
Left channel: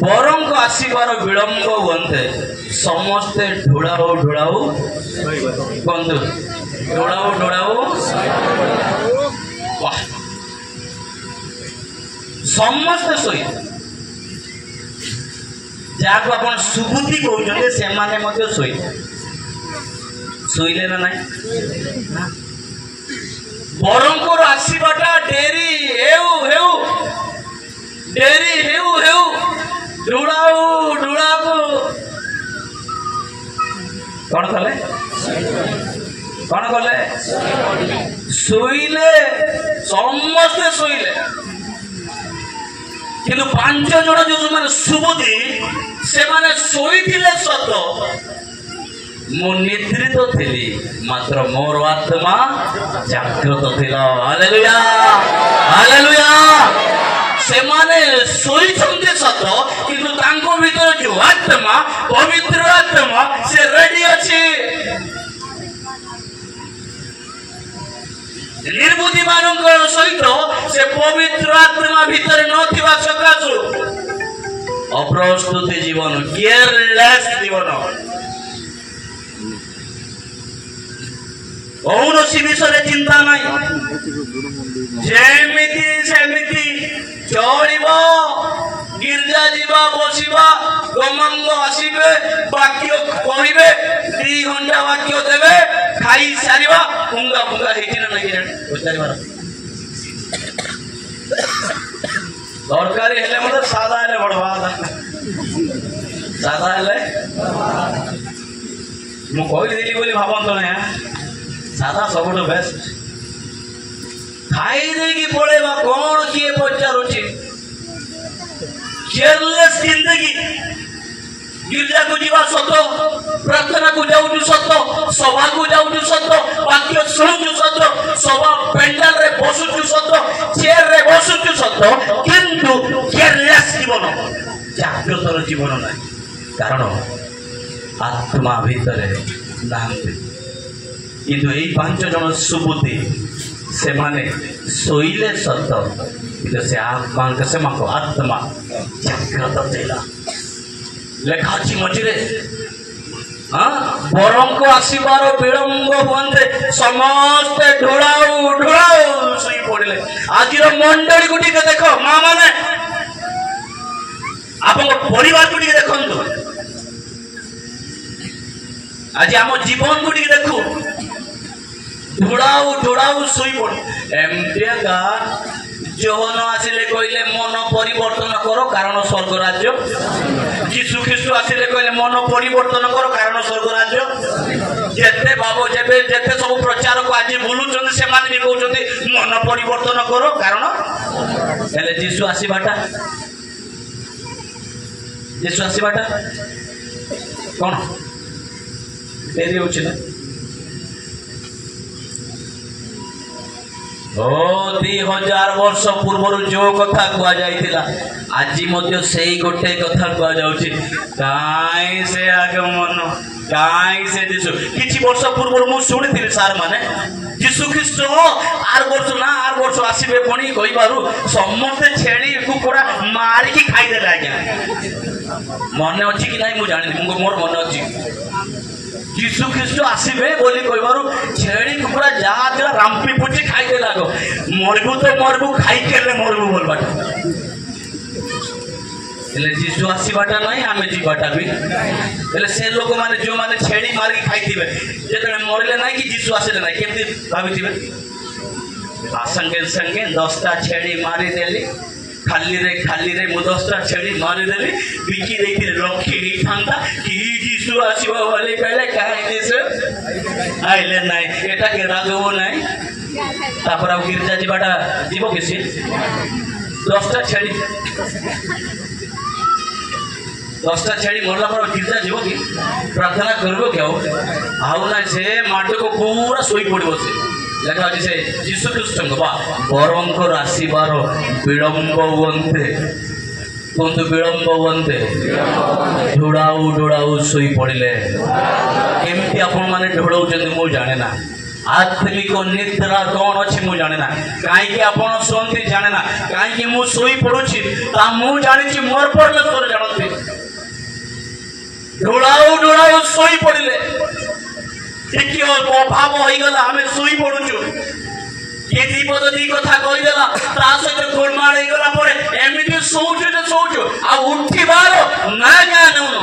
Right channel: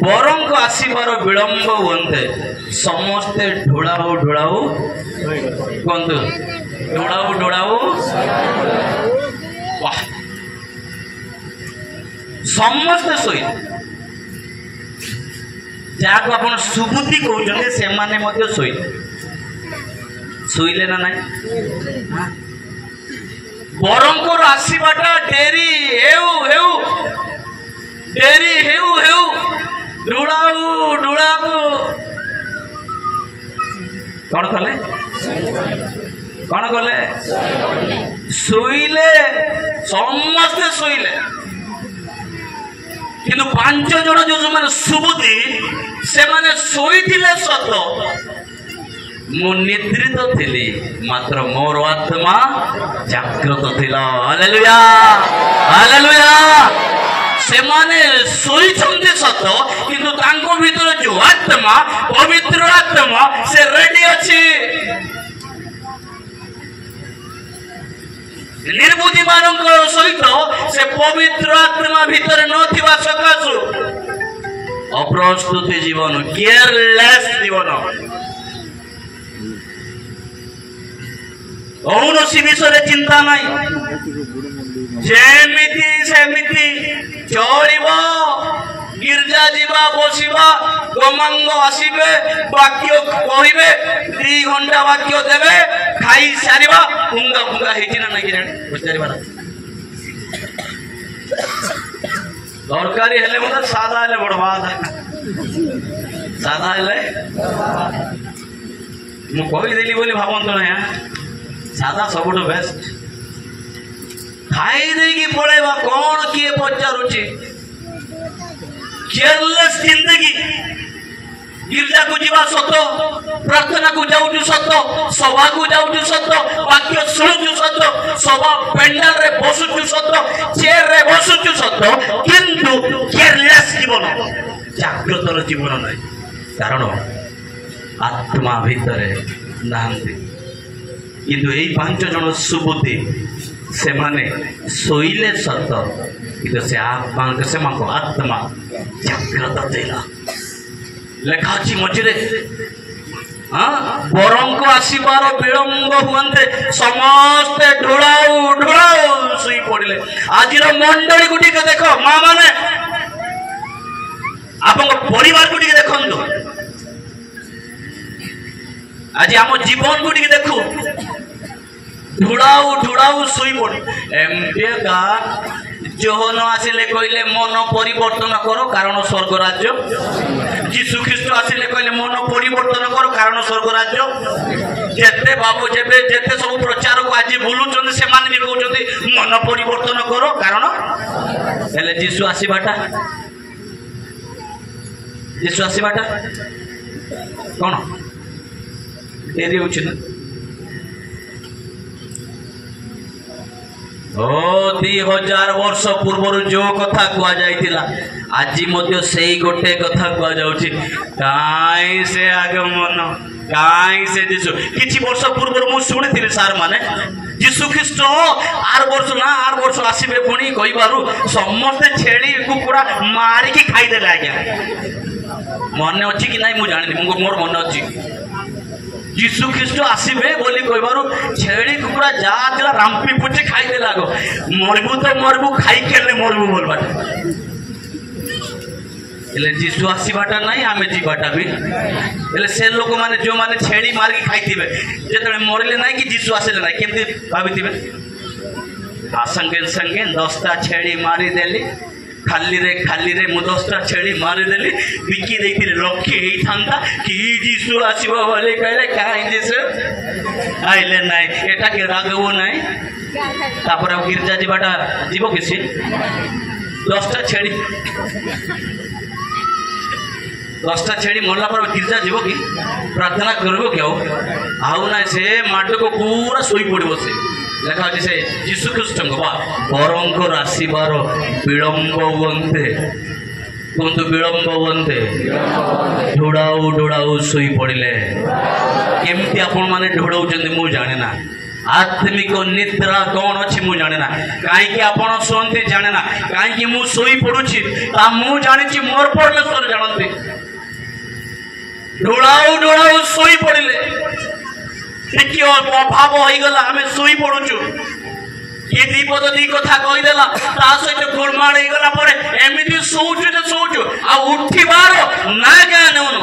बरंक आसबार विलंब हुए समस्ते ढोड़ाऊ ढोड़ाऊ कहतु ढोड़ाऊ ढोड़ाऊ समस्ते शोई जहाँ आप सुबुद्धि कहते से माने शोई शोले ना ना बरंकर आसबाटा डेरी हेउ डेरी हेउ ढोड़ाऊ ढोड़ाऊ कौन कले कौन कले शोले समस्ते शोले किंतु 5 जन जो मैंने सुबुद्धि से माने शोइथिले सत मो निद्रित थिली मात्र मोर आत्मा जागृत थिला। Hallelujah hallelujah. से माने शोइछन्ते सत किंतु तांको भीतर जो आत्मा पवित्र आत्मा से रेडी अछि। निर्बुद्धि मानक सहित से पवित्र आत्मा भीतर नथिबा सकाशु अप्रस्तुत जीवन केयरलेस जीवन कौनसी विषय चिंता नहीं जेमिति सेमिति चलिब गिरजा जीवा बसिबा गमांग आसिबे वाक्य कहिबे 2 घंटा वाक्य देबे खाई सारिबा पुंगा पुंगा हेछि ना नहीं पचारिबा दरकारी हेले मतलब सादा हेले बड़वा सादा हेले मु कहली देली बोली भाबंत ना सादा सबुठ बेस्ट खाई देगी पड़ेगा कौन किए पचारुची केयरलेस जिंदगी गिरजा को जीवा सत प्रार्थना को जाऊँ सत सभा को जाऊँ सत वाक्य शुणु सत सभा पेंडाल रे बसुचु सत चेयर रे बसुचु सत किंतु केयरलेस जीवन जागृतर जीवन नहीं कारण आत्मा भितरे नाहंती किंतु यही 5 जन सुबुद्धि से माने शोइले सत किंतु से आत्मा जागृत देला लेखाची मझे बरम को आसबार विलंब हुए समस्ते ढोड़ाऊ ढोड़ाऊ शुई पड़े। आज मंडली को देख माँ मैंने आप परिवार को देखु आज आम जीवन को देखु ढोड़ाऊ ढोड़ाऊ शुई पड़े एमती जोहन आसिले कहले मन परिवर्तन करो कारण स्वर्ग राज्य जीशु ख्रीष्ट आसिले कहले मन परिवर्तन करो कारण स्वर्ग राज्य जेते बाबू जेते जेते सब प्रचार को आज बुलुचंदी से मान भी कहउचंदी मन परिवर्तन करो कारण हेले जीशु आसीबाटा कौन देरी होछि ना ओ 2000 वर्ष पूर्व जो कथा कह जाइतिला आज मध्य से गोटे कथा कह जाउछि काई से आगमन काई से जीशु किछि वर्ष पूर्व मु सुनिथिले सार माने जीशु ख्रीष्ट आर वर्ष आसीबे पुणी कहिबारु समस्त छेड़ी कुकुड़ा मारी की खाई देला आज्ञा मन अछि कि नाही मु जानि मोर मन अछि जीशु ख्रीष्ट आसबे बोली कहबार छेड़ी कुकुड़ा जा रामपी पुची खाई दे लागो मरबू तो मरबू खाई के मरबू बोलबाट जीशु आसबाटा ना आम जीवाटा भी से लोक मैंने जो मैंने छेड़ी मारिक खाई जो मरले ना कि जीशु आसले ना केमती भाभी संगे संगे 10टा छेड़ी मारिदेली खाली रे मु 10टा छेड़ी मारिदेली बिकी देखे लक्षे होता कि जीशु आसो बोले कहले कहीं जीशु आइले ना एटा के रागबू ना तापर गिरजा जीवाटा जीव किसी 10टा छेड़ी 10टा छेड़ी मरला पर गिरजा जीव कि प्रार्थना करबो क्या आउ ना से माटी को पूरा सोई पड़ो से लेखा अच्छे से जीशु ख्रीष्ट बरंकर आसबार विलंब हुए कहतु विलंब हुए ढोड़ाऊ ढोड़ाऊ शुई पड़े केमती आपण मैंने ढोड़ाऊँ मुझे जाने ना आत्मिक निद्रा कौन अच्छी मुझे जाने ना कहीं आपड़ शुंती जाने ना कहीं मुझे शुई पड़ुची मुझे जानी मोर परमेश्वर जानते ढोड़ाऊ ढोड़ाऊ शुई पड़े ठीक अभाव हो गला आम शुई पड़ुचु किए दीपद दी कथा कहीदेला सहित गोलमाड़ हो गला एमती शोचु तो शोचु आ उठिबार ना क्या नौनु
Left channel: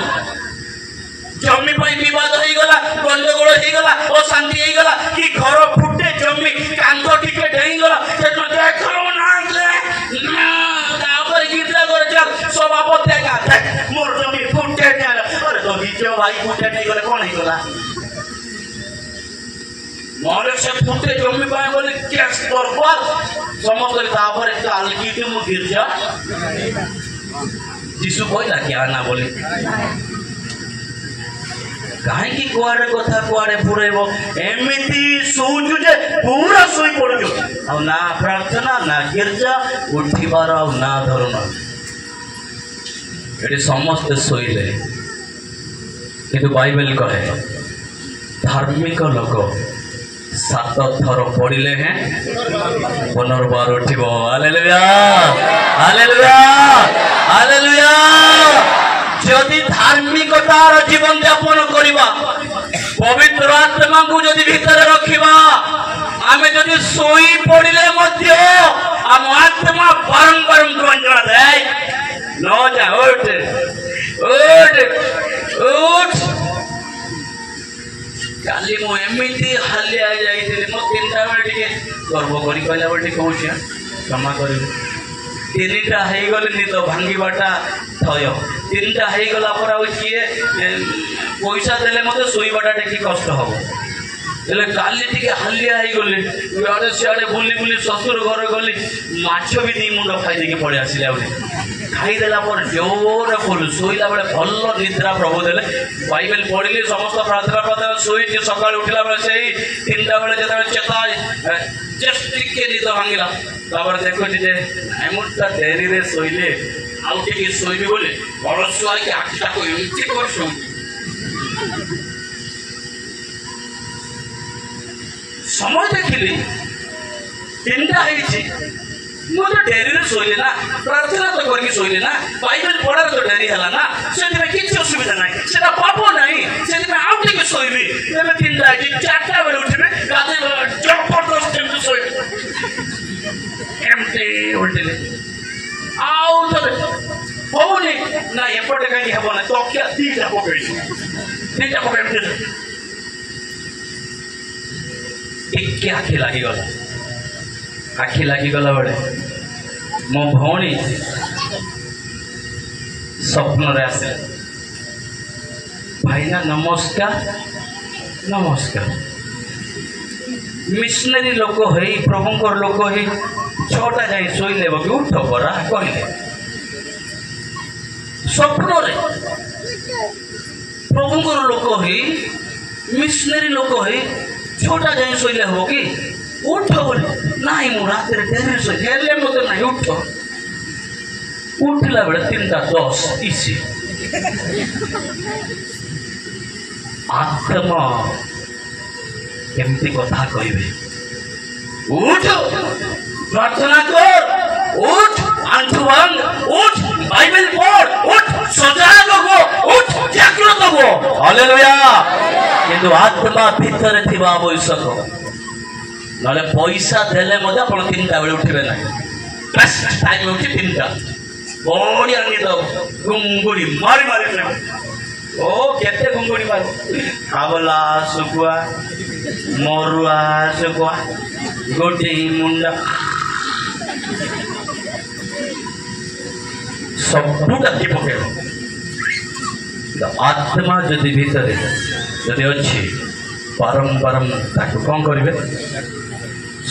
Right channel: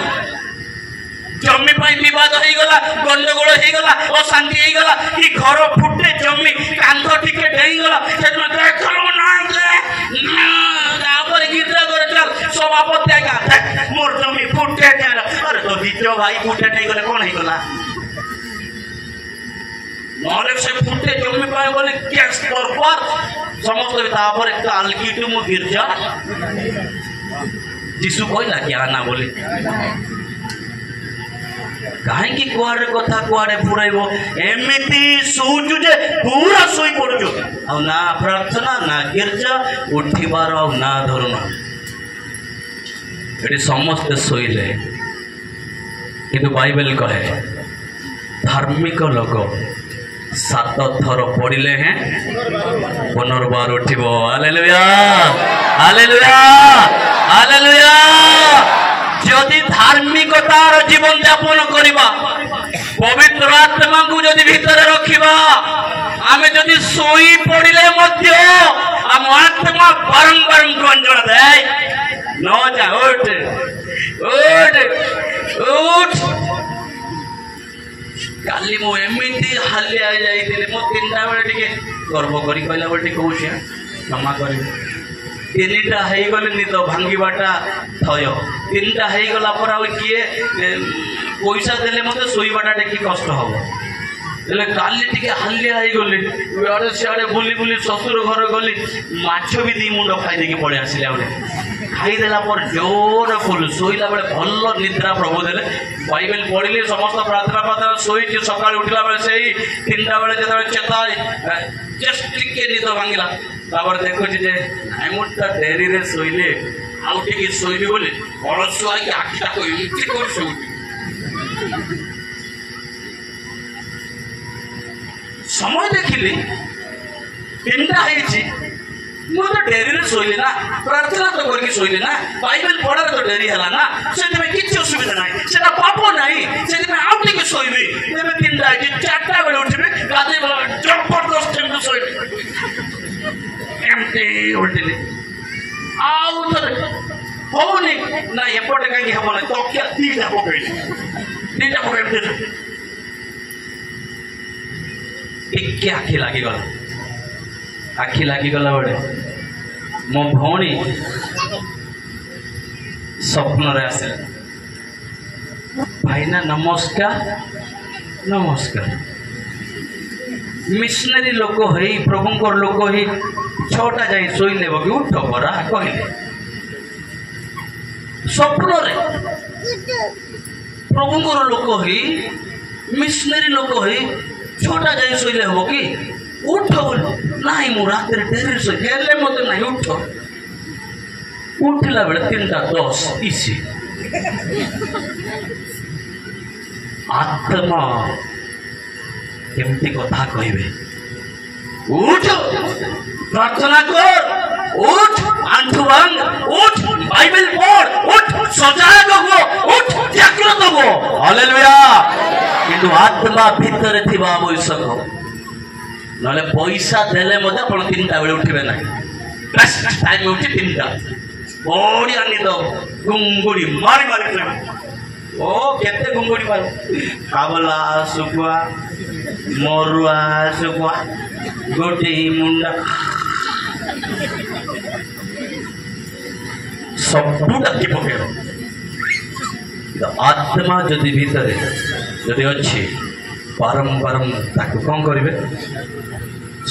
जमी बद हो गला गंडगोल हो गला अशांति हो गला कि घर फुटे जमी कांध टिके डेई गला सभापति मोर जमी फुटे तो भाई फुटे नहीं गले कौन हो गला नॉलेज से फुटे जमी पाए बोले कैश दरबार समस्त तापर कालकी तू मु गिरजा जीसु कहला क्या ना बोली कहीं कुआड़े कथा कुआड़े पुरेबो एमिति सोचु जे पूरा सोई पड़ुजो आ ना प्रार्थना ना गिरजा उठिबार आ ना धरुना एटी समस्त सोइले किंतु बाइबल कहे धार्मिक लोक 7 थर पड़िले हैं पुनर्बार उठिबो हालेलुया हालेलुया हालेलुया जदि धार्मिकतार जीवन यापन करवा पवित्र आत्मा को जदि भीतर रखिबा आमे जदि सोई पड़िले मध्य आम आत्मा बारंबार गंजन दे न जा उठ उठ उठ काली मु एमिति हालिया जाइतिले मो 3टा बेले टिके गर्व करी कहला बेले टिके होशिया क्षमा करी 3टा है गले निद भांगीबाटा थय 3टा है गला पर आ किए पैसा देले मते सोईबाटा टेकी कष्ट हबो तेले काली टिके हालिया है गले आड़े सियाड़े बुली बुली ससुर घर गली माछ भी 2 मुंड खाई देके पड़े आसिले आउले खाई देला पर जोर फुल सोईला बेले भल निद्रा प्रभु देले बाइबल पढ़िले समस्त प्रार्थना प्रार्थना सोई सकाळ उठिला बेले सेही 3टा बेले जेता चेता जस्ट टिके निद भांगिला तापर देखो जे आई मुटा डेरी रे सोइले आउ टिके सोइबी बोले बरसुआ के आखिटा को इमति कर सोई समय देखिली 3टा हेछि मो तो डेरी रे सोइले ना प्रार्थना तो करके सोइले ना बाइबल पढ़ा तो डेरी हला ना सेति में किछ असुविधा नाही सेटा पाप नाही सेति में आउ टिके सोइबी तेमे 3टा हेछि 4टा बेले उठिबे गादे जबरदस्त टिके सोइबे एमती उल्टिले आउ तो होनी ना एपटे कहीं हबो ना तो क्या 3टा पकड़ी एक आखि लागी गला बड़े मो भौणी स्वप्न रे आसे भाईना नमस्कार नमस्कार मिशनरी लोक है प्रभुंकर लोक है 6टा जाई सोई लेबो कि उठ परा कहले स्वप्न रे प्रभुंकर लोक है मिशनरी लोक है 6टा जाई सोई लेबो कि उठ बोले नहीं मु रात रे डेरी सोई हेले मते नहीं उठ उठला बेले 3:10 इसी आत्मा केमती कथा कहबे उठ प्रार्थना कर उठ आंठु भांग उठ बाइबल पढ़ उठ सजाग हो उठ जागृत हो हालेलुया किंतु आत्मा भीतर थिबा आवश्यक नले पैसा देले मते आपण 3टा बेले उठिबे ना बेस्ट टाइम उठी 3टा बड़ी आनी तो गुंगुड़ी मारी मारी ओ केते गुंगुड़ी मार काबला सुकुआ मरुआ सुकुआ गोटी मुंडा सबू डाकी पके आत्मा जदि भीतर जदि अच्छी बारंबार ताकू कौन करेंगे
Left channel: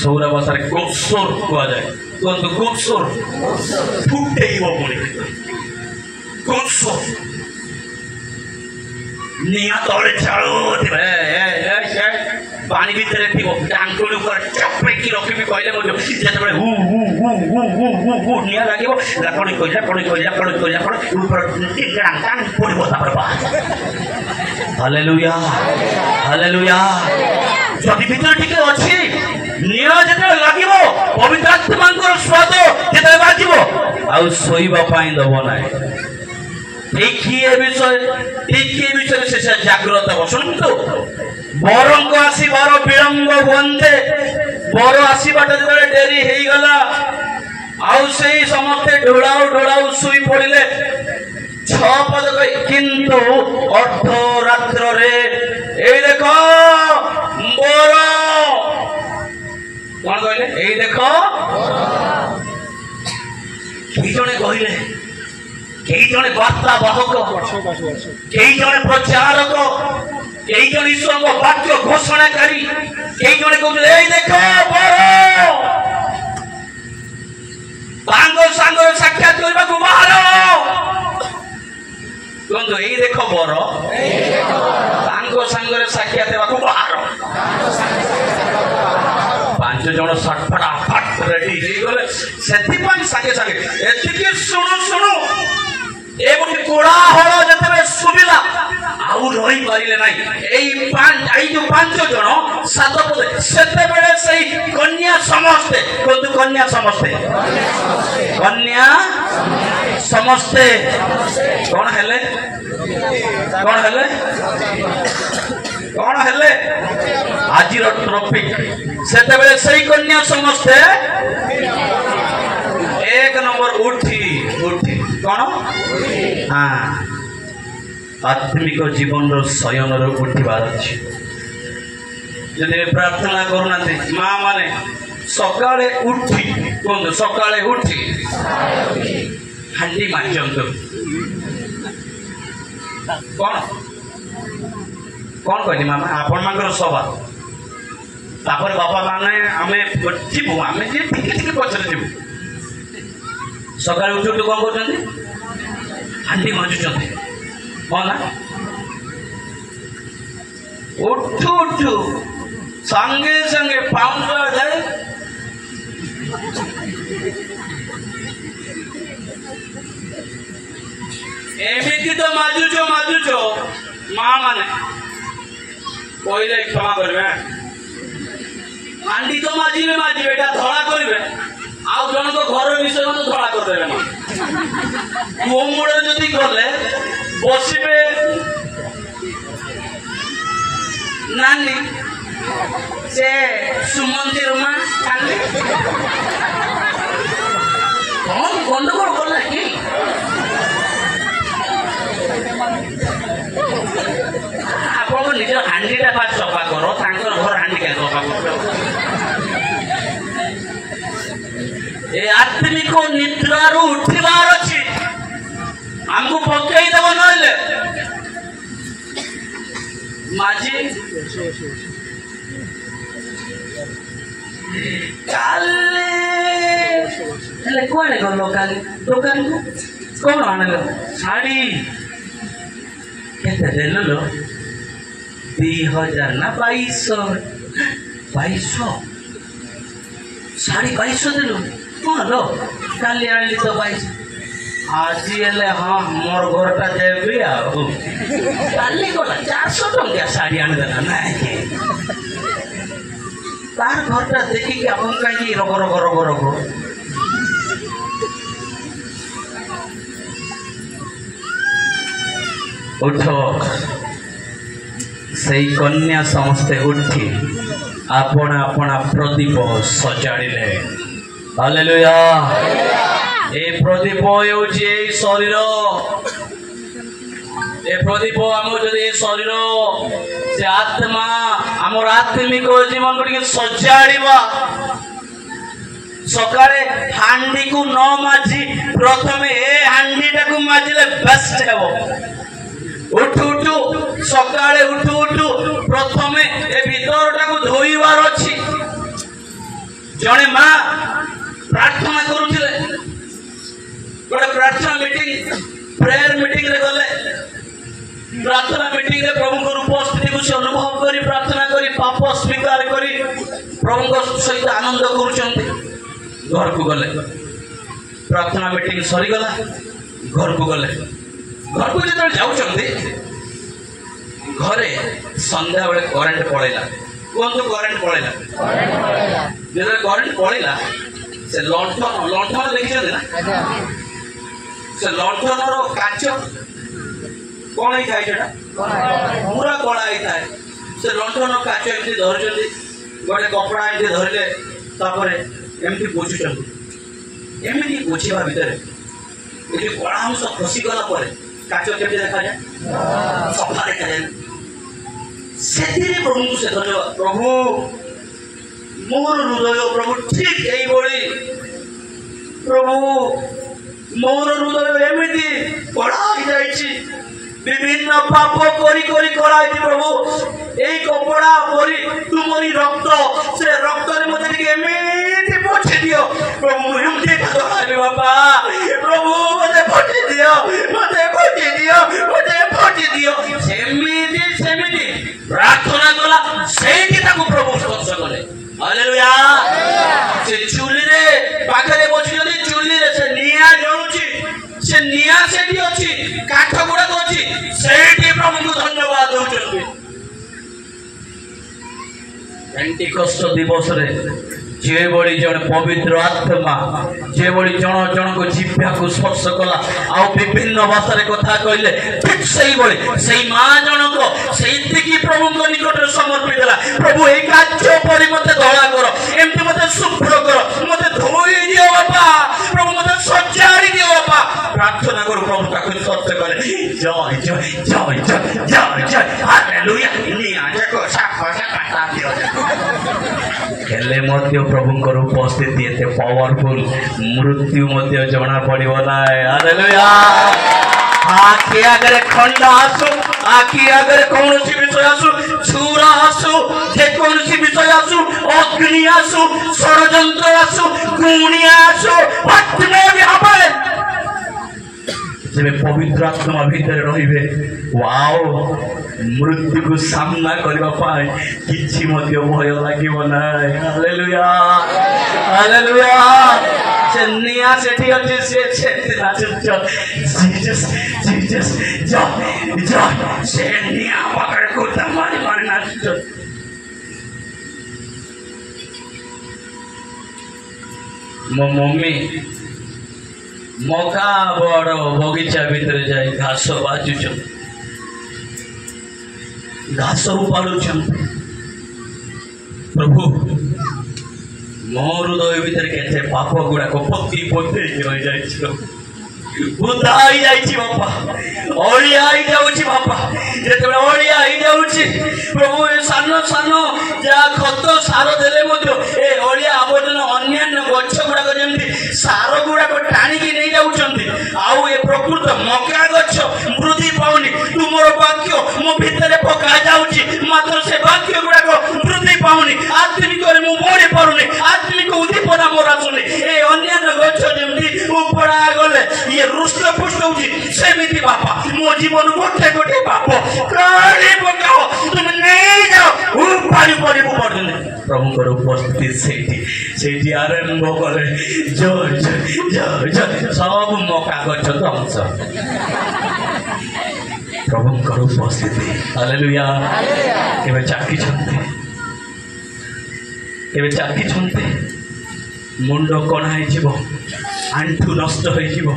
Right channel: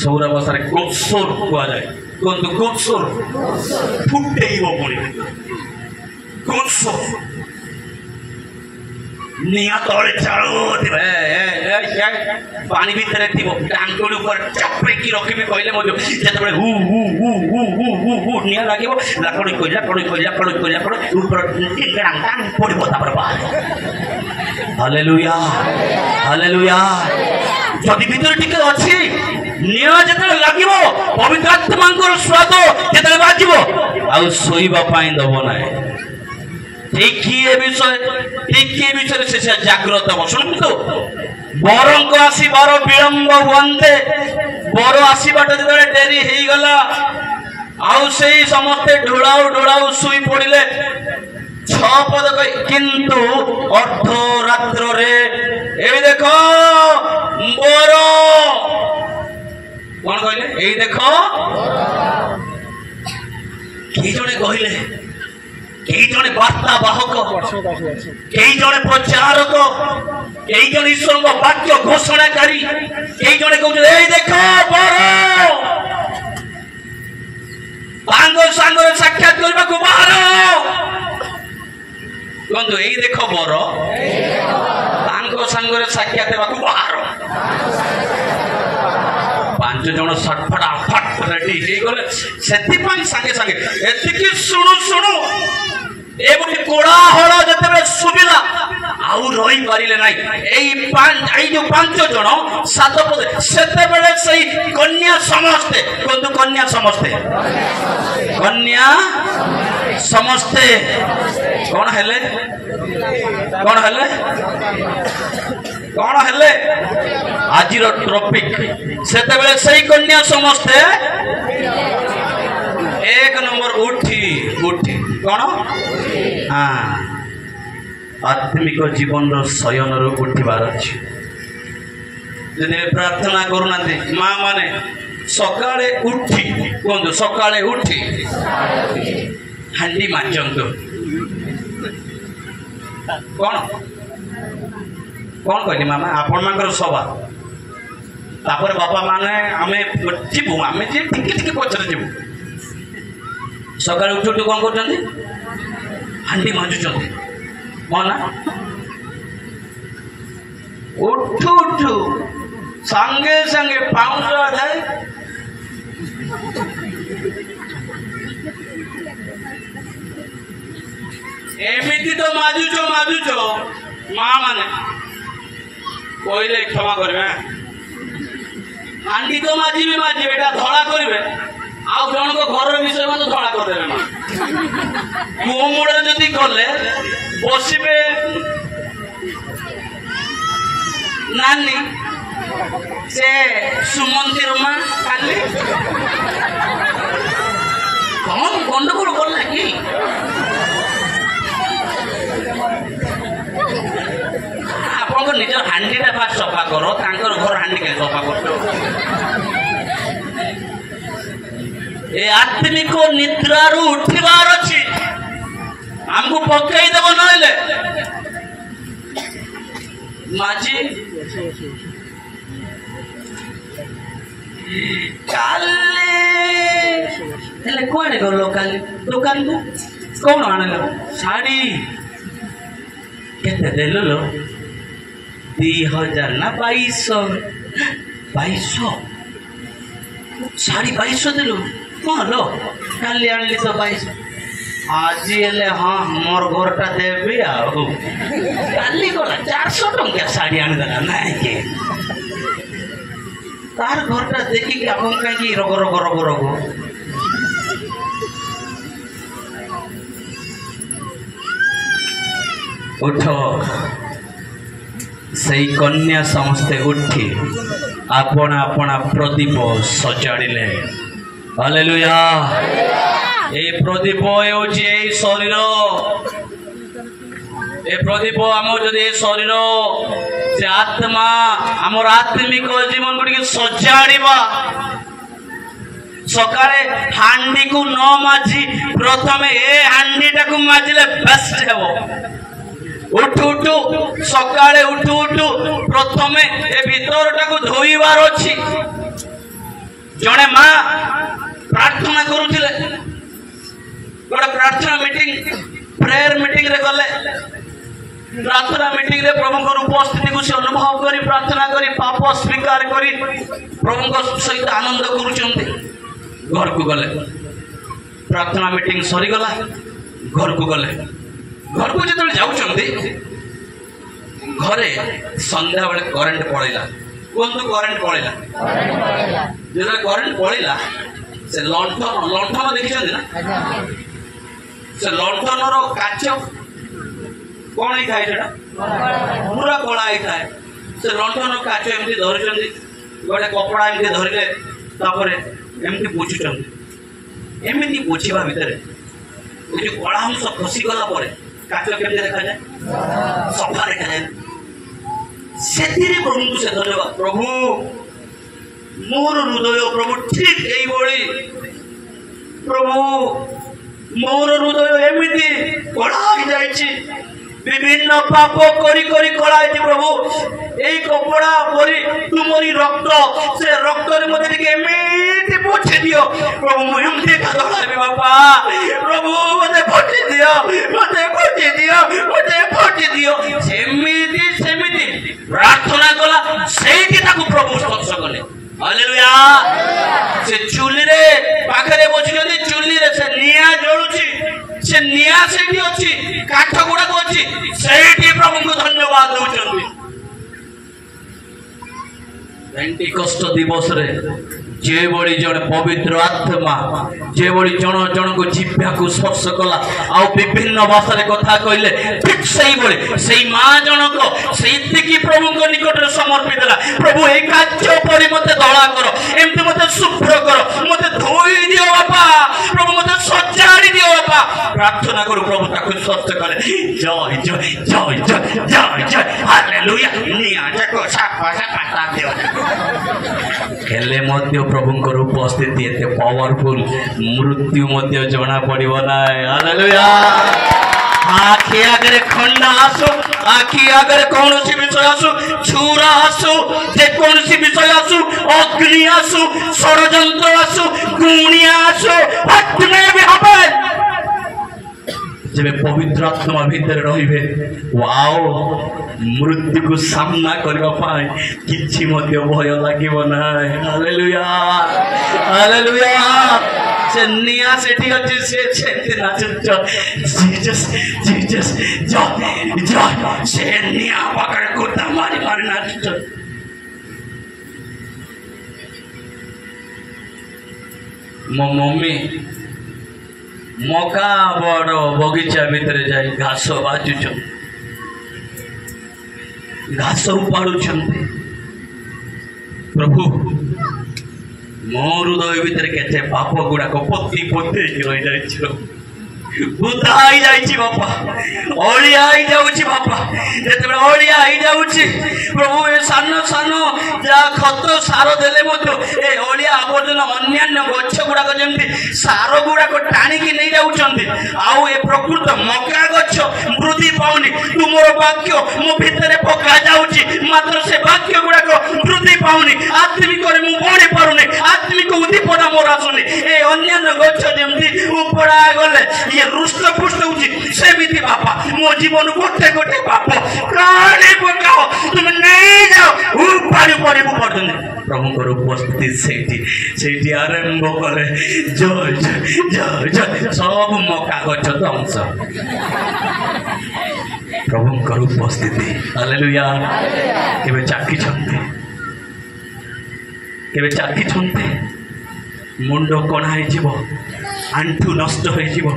सौरा बसार गोपसोर कह जाए कहतु गोपसोर फुटेब पुणी गोपसोर निया तले चालू पानी भितर टांगुड़ी ऊपर चपेकी रखी कहले जिते who who who who who who who निया लगे लाकड़ी कोई ऊपर पड़ो हालेलुया हालेलुया जदि भीतर टिके अच्छी निया जिते लगे पवित्र आत्मा स्वाद जिते बाजिब आउ शोइबा दब ना ठीक विषय से जाग्रत हो शुणु बर आसबार विलंब हुए बर आसबाट जो डेरी हो गला आउ से समस्ते ढोलाऊ ढोलाऊ शुई पड़े 6 पद किंतु अर्धरात्र रे ए देख बर कौन कहले ए देख कि जने कहले कई जने वार्ता बाहक कई जने प्रचारक कई जन ईश्वर वाक्य घोषणाकारी କେହି ଜଣେ କହୁଛନ୍ତି ଏଇ ଦେଖ ବର ତାଙ୍କ ସାଙ୍ଗରେ ସାକ୍ଷାତ କରିବାକୁ ବାହାର। କୁହନ୍ତୁ ଏଇ ଦେଖ ବର ତାଙ୍କ ସାଙ୍ଗରେ ସାକ୍ଷାତ ହେବାକୁ ବାହାର। 5 ଜଣ ଫଟାଫଟ ରେଡି ହେଇଗଲେ। ସେଥିପାଇଁ ସାଙ୍ଗେ ସାଙ୍ଗେ ଏତିକି ଶୁଣୁ ଶୁଣୁ ଏ ଗୋଟେ କୋଳାହଳ ଯେତେବେଳେ ଶୁଭିଲା ଆଉ ରହିପାରିଲେ ନାହିଁ। ଏଇ ଯୋଉ 5 ଜଣ 7 ପଦ ସେତେବେଳେ ସେଇ କନ୍ୟା ସମସ୍ତେ କୁହନ୍ତୁ କନ୍ୟା ସମସ୍ତେ କନ୍ୟା ସମସ୍ତେ କଣ ହେଲେ କଣ ହେଲେ କଣ ହେଲେ ଆଜିର ଟପିକ ସେତେବେଳେ ସେଇ କନ୍ୟା ସମସ୍ତେ 1 ନମ୍ବର ଉଠି କଣ ଆତ୍ମିକ ଜୀବନର ଶୟନରୁ ଉଠିବାର ଅଛି। ଯଦି ପ୍ରାର୍ଥନା କରୁନାହାନ୍ତି ମା ମାନେ ସକାଳେ ଉଠି କୁହନ୍ତୁ ସକାଳେ ଉଠି ହାଣ୍ଡି ମାଜନ୍ତୁ। କଣ କହିଲି ମାମା ଆପଣ ମାନଙ୍କର ସଭା ତାପରେ ବାପା ମାନେ ଆମେ ଯିବୁ ଆମେ ଯେ ଟିକେ ପଛରେ ଯିବୁ। ସକାଳେ ଉଠୁ ଉଠୁ କଣ କରୁଛନ୍ତି ହାଣ୍ଡି ମାଜୁଛନ୍ତି ହଁ ନା। ଉଠୁ ସାଙ୍ଗେ ସାଙ୍ଗେ ପାଉଁଶ ଥାଏ ଏମିତି ତ ମାଜୁଛ ମା ମାନେ କହିଲେ କ୍ଷମା କରିବେ ହାଣ୍ଡି ତ ମାଜିବେ ଏଟା ଧଳା କରିବେ ଆଉ ଜଣଙ୍କ ଘର ବିଷୟ ମାନେ ଧଳା କରିଦେବେ ନା। କୂଅ ମୂଳରେ ଯଦି ଗଲେ ବସିବେ ନାନୀ ସେ ସୁମନ୍ତିର ମା କାଲି କଣ ଗଣ୍ଡଗୋଳ କଲା କି ଆପଣଙ୍କ ନିଜ ହାଣ୍ଡିଟା ଫାଷ୍ଟ ସଫା କର ତାଙ୍କର ଘର ହାଣ୍ଡି କେମିତି ସଫା କରୁଛ। ଏ ଆତ୍ମିକ ନିଦ୍ରାରୁ ଉଠିବାର ଅଛି ଆମକୁ ପକେଇଦେବ ନହେଲେ ମାଝି କାଲି ହେଲେ କୁଆଡେ ଗଲ କାଲି ଦୋକାନକୁ କଣ ଆଣିଲ ଶାଢୀ କେତେ ଦେଲ 2000 ନା 2200 ଶାଢୀ 2200 ଦେଲୁ ହଁ लो କାଲି ଆଣିଲି ତ 2200 ଆଜି ହେଲେ ହଁ ମୋର ଘରଟା ଦେବି ଆଉ କାଲି ଗଲା 400 ଟଙ୍କା ଶାଢୀ ଆଣିଦେଲା ନାଇଁ କି ତାର ଘରଟା ଦେଖିକି ଆପଣ କାହିଁକି ରଗ ଉଠ ସେଇ କନ୍ୟା ସମସ୍ତେ ଉଠି ଆପଣା ପ୍ରଦୀପ ସଜାଡ଼ିଲେ। ହାଲେଲୁୟା। এই প্রদীপ হচ্ছে এই শরীর এই প্রদীপ আমার যদি এই শরীর সে আত্মা আমার আত্মিক জীবন গুড়ি সজাড়া সকালে হান্ডি কু ন মাজি প্রথমে এ হান্ডিটা কু মাজিলে বেস্ট হব। উঠু উঠু সকালে উঠু উঠু প্রথমে এ ভিতরটা কু ধোইবার ଅଛି। জনে মা প্রার্থনা করুଥିଲେ गोटे प्रार्थना मीटिंग प्रेयर मीटिंग रे गले प्रार्थना मीटिंग रे प्रभु को उपस्थिति को अनुभव करी प्रार्थना करी पाप स्वीकार करी प्रभु को सहित आनंद करूचंती। घर को गले प्रार्थना मीटिंग सरी गला घर को गले घर को जब जाउचंती घरे संध्या बेले करेंट पळेला कोन तो करेंट पळेला जब करेंट पळेला से लंठन देखिछन ना से लंठनर काच कौन ही थाए सेटा पूरा कला ही थाए से लंठन काच एमती धरिचंदी गोटे कपड़ा एमती धरिले तापरे एमती पोछुचंदी एमती पोछिबा भितरे ए जो कला अंश खसी गला परे काच केमती देखा जाए सफा देखा जाए सेतिरे प्रभु को से धन्यवाद प्रभु मोर हृदय प्रभु ठीक एई बळी प्रभु मोर हृदय एमिति पढ़ाई जाइछि विभिन्न पाप करी करी कराई प्रभु এই কপড়া পরি তুমরি রক্ত সে রক্তের মধ্যে থেকে এমনি পৌঁছে দিও প্রভু এমনি খাবে বাবা প্রভু মতে পৌঁছে দিও মতে পৌঁছে দিও মতে পৌঁছে দিও সেমিতি সেমিতি প্রার্থনা কলা সেইটি তাকে প্রভু স্পর্শ কলে হালেলুয়া সে চুলিরে পাখরে বসিଛନ୍ତି চুলিরে সে নিয়া জଳୁଛି সে নিয়া সেটি ଅଛି কাঠ গুড়া ଅଛି সেইটি প্রভুଙ୍କୁ ধন্যবাদ দଉଛନ୍ତି पेंटिकस्ट दिवस रे जे बड़ी जन पवित्र आत्मा जे बड़ी जन जन को जिह्वा को स्पर्श कला आ विभिन्न भाषा रे कथा कहले ठीक सही बड़ी सही मां जन को सही की प्रभु को निकट रे समर्पित देला प्रभु ए कार्य परि मते धला करो एमते मते शुभ्र करो मते धोई दियो बाबा प्रभु मते सजाड़ी दियो बाबा प्रार्थना करो प्रभु ताको सत्य करे जय जय जय जय जय जय हालेलुया निया जाको साखा साखा दियो हेले मध्य प्रभुंकर उपस्थिति एते पावरफुल मृत्यु मध्य जना पड़िबो ना हालेलुया आखि आगे खंडा आसु आखि आगे कौन सी विषय आसु छुरा आसु जे कौन सी विषय आसु अग्नि आसु षडयंत्र आसु गुणिया आसु हटने भी हबे जब पवित्र आत्मा भीतर रहिबे वाओ मृत्यु को सामना करबा पाए किछि मध्य भय लागिबो ना हालेलुया हालेलुया से निया सेठी अछि से छेति नाच जीसस जीसस जय जय से निया पकड़ को मारी मारी नाच मो मम्मी मका बड़ बगीचा भीतर जाई घास बाजुछन घास उपाड़ुछन प्रभु मो हृदय भीतर केते पाप गुड़ाक पति पति रही जाइछो बुधाई जाइछि बापा ओलिया आई जाउछि बापा जेते ओलिया आई जाउछि प्रभु ए सानो सानो जा खत सार देले मतो ए ओलिया आबोधन अन्यान्य गच्छ गुड़ाक जेमति सार गुड़ाक टाणी की नहीं जाउछन्ति आउ ए प्रकृत मका गच्छ वृद्धि पाउनी तुमर वाक्य मो भीतर पका जाउछि मात्र से वाक्य गुड़ाक वृद्धि पाउनी आत्मिक रे मु बढी पारुनी आत्मिक उद्दीपना मोर आसुनी ए अन्यान्य गच्छ जेमति उपड़ा गले ये रुष्ट पुष्ट होची सेमिति बापा मो जीवन गोटे गोटे पाप काली पकाओ तुम नहीं जाओ उपाड़ी पड़ी पड़ने प्रभु को उपस्थिति सेठी आरंभ करे जय जय जय जय सब मौका गच्छ ध्वंस प्रभु को उपस्थिति हालेलुया केबे चाकी छन्ते मुंड कणा है जीव आंठू नष्ट हो जीव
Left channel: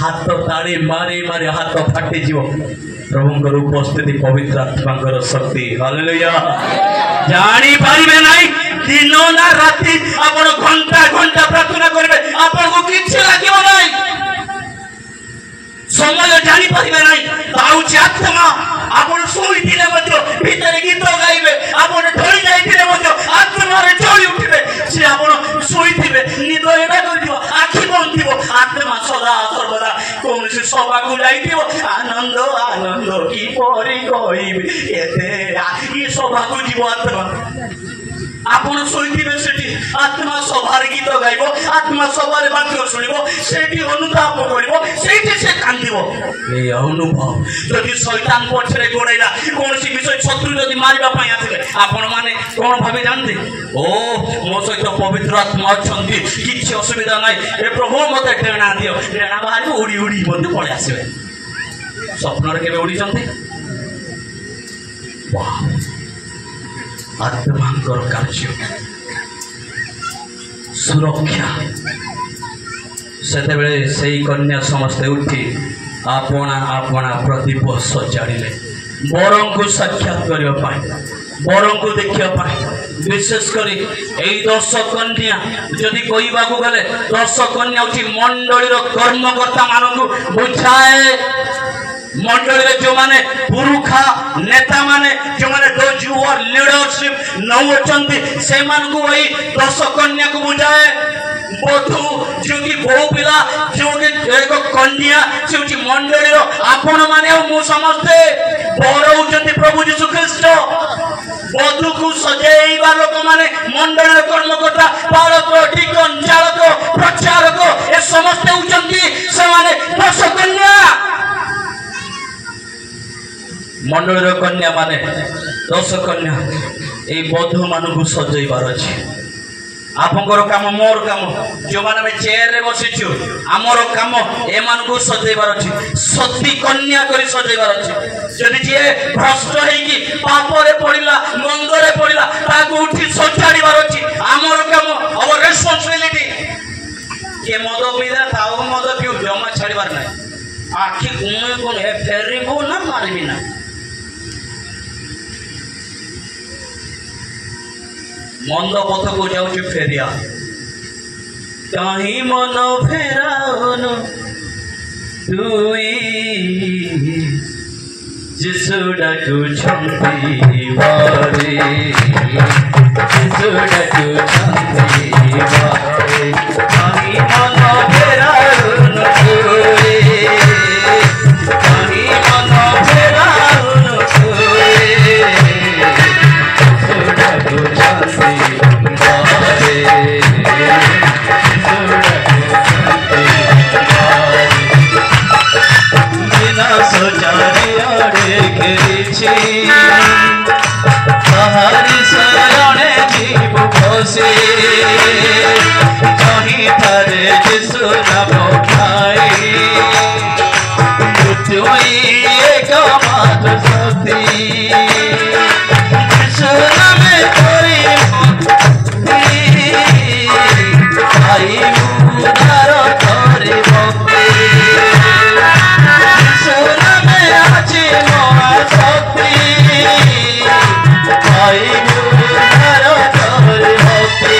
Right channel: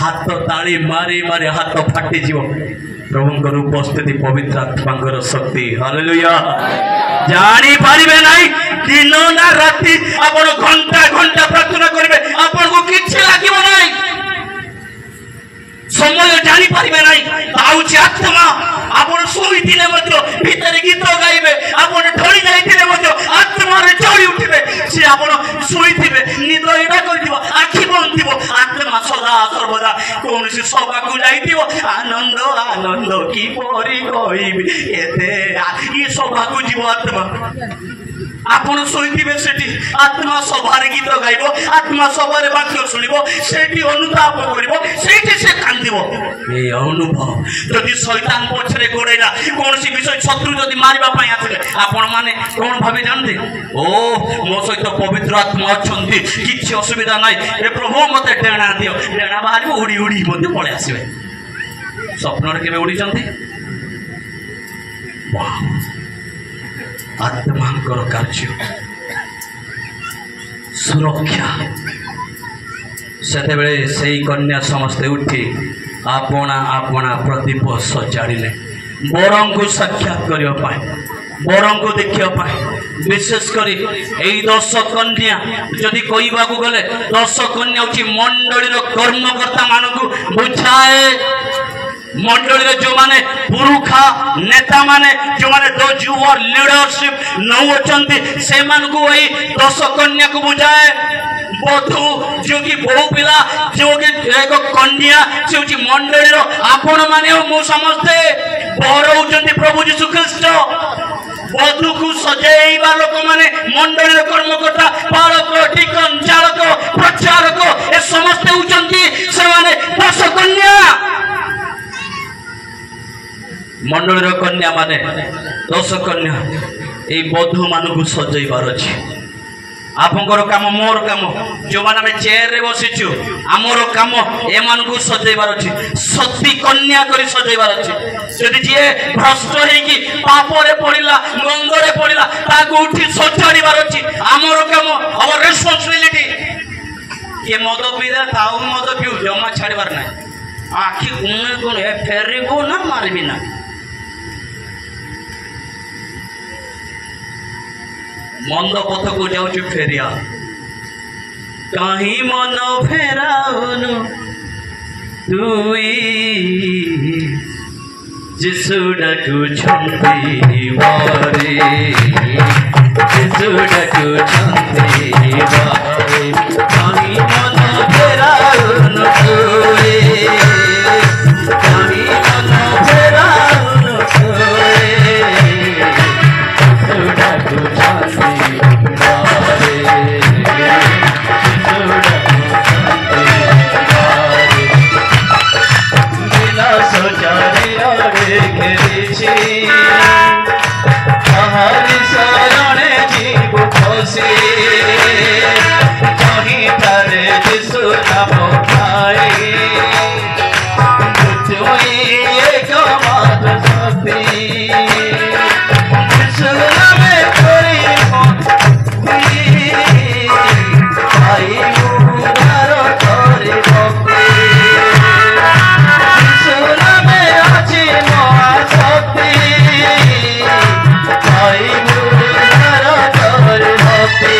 हाथ ताली मारी मारी हाथ फाटी जीव प्रभुंकर उपस्थिति पवित्र आत्मांकर शक्ति हालेलुया जानी पारिबे नाही दिन ना राति आपण घंटा घंटा प्रार्थना करिवे आपण को किछ लागिबो नाही समय जानी पारिबे नाही ताउची आत्मा आपण सोई दिने मध्य भीतर गीत गाइबे आपण ढळी जाइतिने मध्य आत्मा रे चढ़ी उठिबे से आपण सोई थिबे निद एडा करदिबो आखि बंद थिबो आत्मा सदा सर्वदा कोन से सभा को जाइतिबो आनंद आनंद की परी कहिबे एते ई सभा को जीव आत्मा आपण सोईथिबे सेठी आत्मा सभारे गीत गाइबो आत्मा सभारे वाक्य सुनिबो सेठी अनुताप करिबो सेठी से कांदिबो ए अनुभव जदि शैतान पछरे गोड़ेला कोनसी विषय शत्रु जदि मारिबा पई आसे आपण माने कोन भाबे जानते ओ मो सहित पवित्र आत्मा अछंती किछि असुविधा नै ए प्रभु मते डेणा दियो डेणा बाहर उड़ी उड़ी मते पळे आसीबे स्वप्न रे केबे उड़ी जंते वाह आत्मांकर कार्य सुरक्षा से सही कन्या समस्ते उठी आपना आपना प्रदीप सजाड़े बरं को साक्षात करने बरं को देखा विशेषकर यही 10 कन्या जदि कहवा गले 10 कन्या हूँ मंडली कर्मकर्ता मान बुझाए मंडली जो माने पुरुखा नेता माने जो माने दोज हु आर लीडरशिप नौचंती से मान को वही 10 कन्या को बुझाए बधू जो कि बहु पिला जो कि एक कन्या से मंडली आपण माने मु समस्ते बर होउचंती प्रभु यीशु ख्रीष्ट बधू को सजेइबा लोक माने मंडली कर्मकर्ता पालक डिकन चालक प्रचारक ए समस्त होउचंती से माने 10 कन्या मंडली कन्या माने 10 कन्या ए बधू मानू सजेइबार अछि आपंकर काम मोर काम जो माने चेयर रे बसिछु आमर काम ए मानू सजेइबार अछि सती कन्या करी सजेइबार अछि जदि जे भ्रष्ट हेकी पाप रे पड़िला गंध रे पड़िला ताको उठी सजाड़ीबार अछि आमर काम आवर रिस्पांसिबिलिटी के मद पीला ताऊ मद पिउ जमा छाड़ीबार नै आखि गुमे गुमे फेरिबो ना मारबी ना मंद पथ को जाऊँ फेरिया कहीं मन फेराउनु तुई जिसु डाकु छंती बारे जिसु डाकु छंती बारे कहीं मन फेराउनु तुई कहीं मन फेराउनु तुई जिसु डाकु छंती कहीं थारे जिसु नाम खाई एक मात सती जिसु नामे करी आई मुदार करी जिसु नामे अछि मोआ सती आई मुदार करी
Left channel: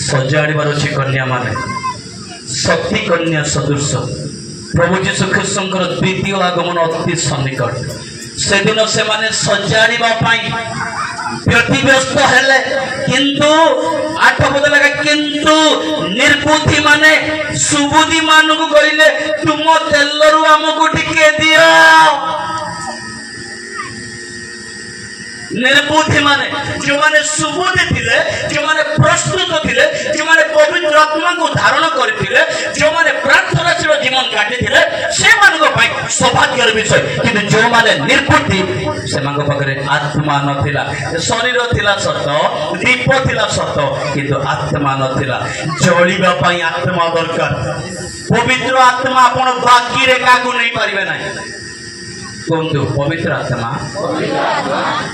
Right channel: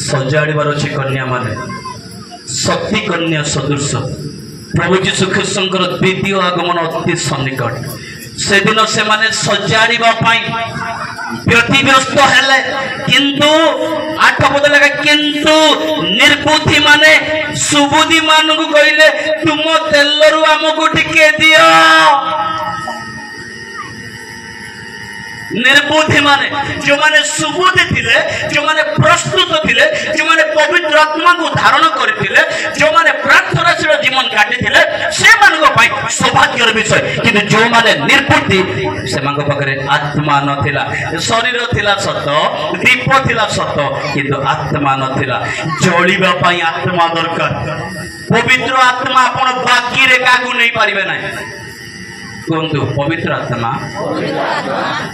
सजाड़ीबार अच्छी कन्या माने शक्ति कन्या सदृश प्रभु यीशु ख्रीष्टर द्वितीय आगमन अति सन्निकट से दिन से माने सजाड़ीबा पाई व्यतिव्यस्त हेले किंतु 8 पद लगा किंतु निर्बुद्धि माने सुबुद्धि मानु को कहले तुम तेलरु हमको टिके दियो निर्बुद्धि माने जो माने सुबुद्धि थिले जो माने प्रस्तुत थिले जो माने पवित्र आत्मा को धारण करथिले जो माने प्रार्थनाशील जीवन काटिथिले से मानको पई सौभाग्यर विषय कि जो माने निर्बुद्धि से मानको पकरे आत्मा नथिला शरीर थिला सत दीप थिला सत किंतु आत्मा नथिला जळीबा पई आत्मा दरकार पवित्र आत्मा आपण बाकी रे कागु नहीं पारिबे नाही कोंतु पवित्र आत्मा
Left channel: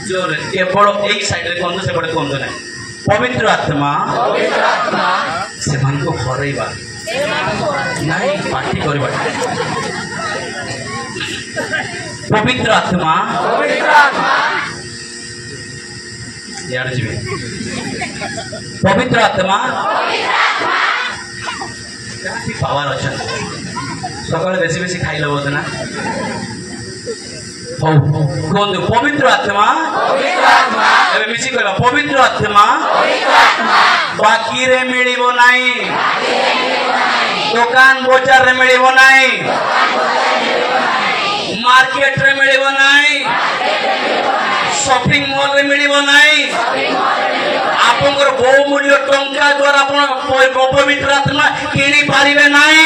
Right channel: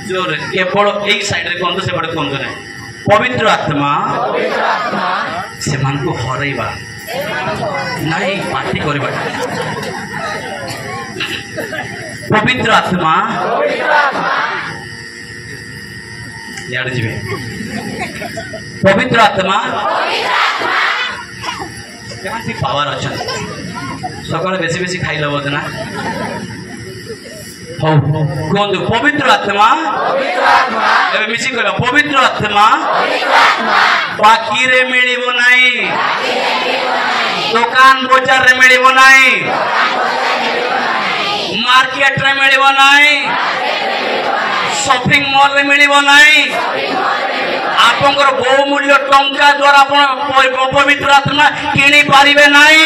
जो केवल एक साइड रे कोंतु से बड़े कोंतु नहीं पवित्र आत्मा से मन को हरैबा नहीं पार्टी करबा पवित्र आत्मा यार जीवे पवित्र आत्मा केमती पावर अच्छा सकाळ बेसी बेसी खाई लबो ना कहते पवित्र आत्मा एबे मिसी कहला पवित्र आत्मा बाकी रे मिलिबो नाही दुकान बजार रे मिलिबो नाही मार्केट रे मिलिबो नाही शॉपिंग मॉल रे मिलिबो नाही आपनकर बहुमूल्य टंका द्वारा आपण पवित्र आत्मा किनी पारिबे नाही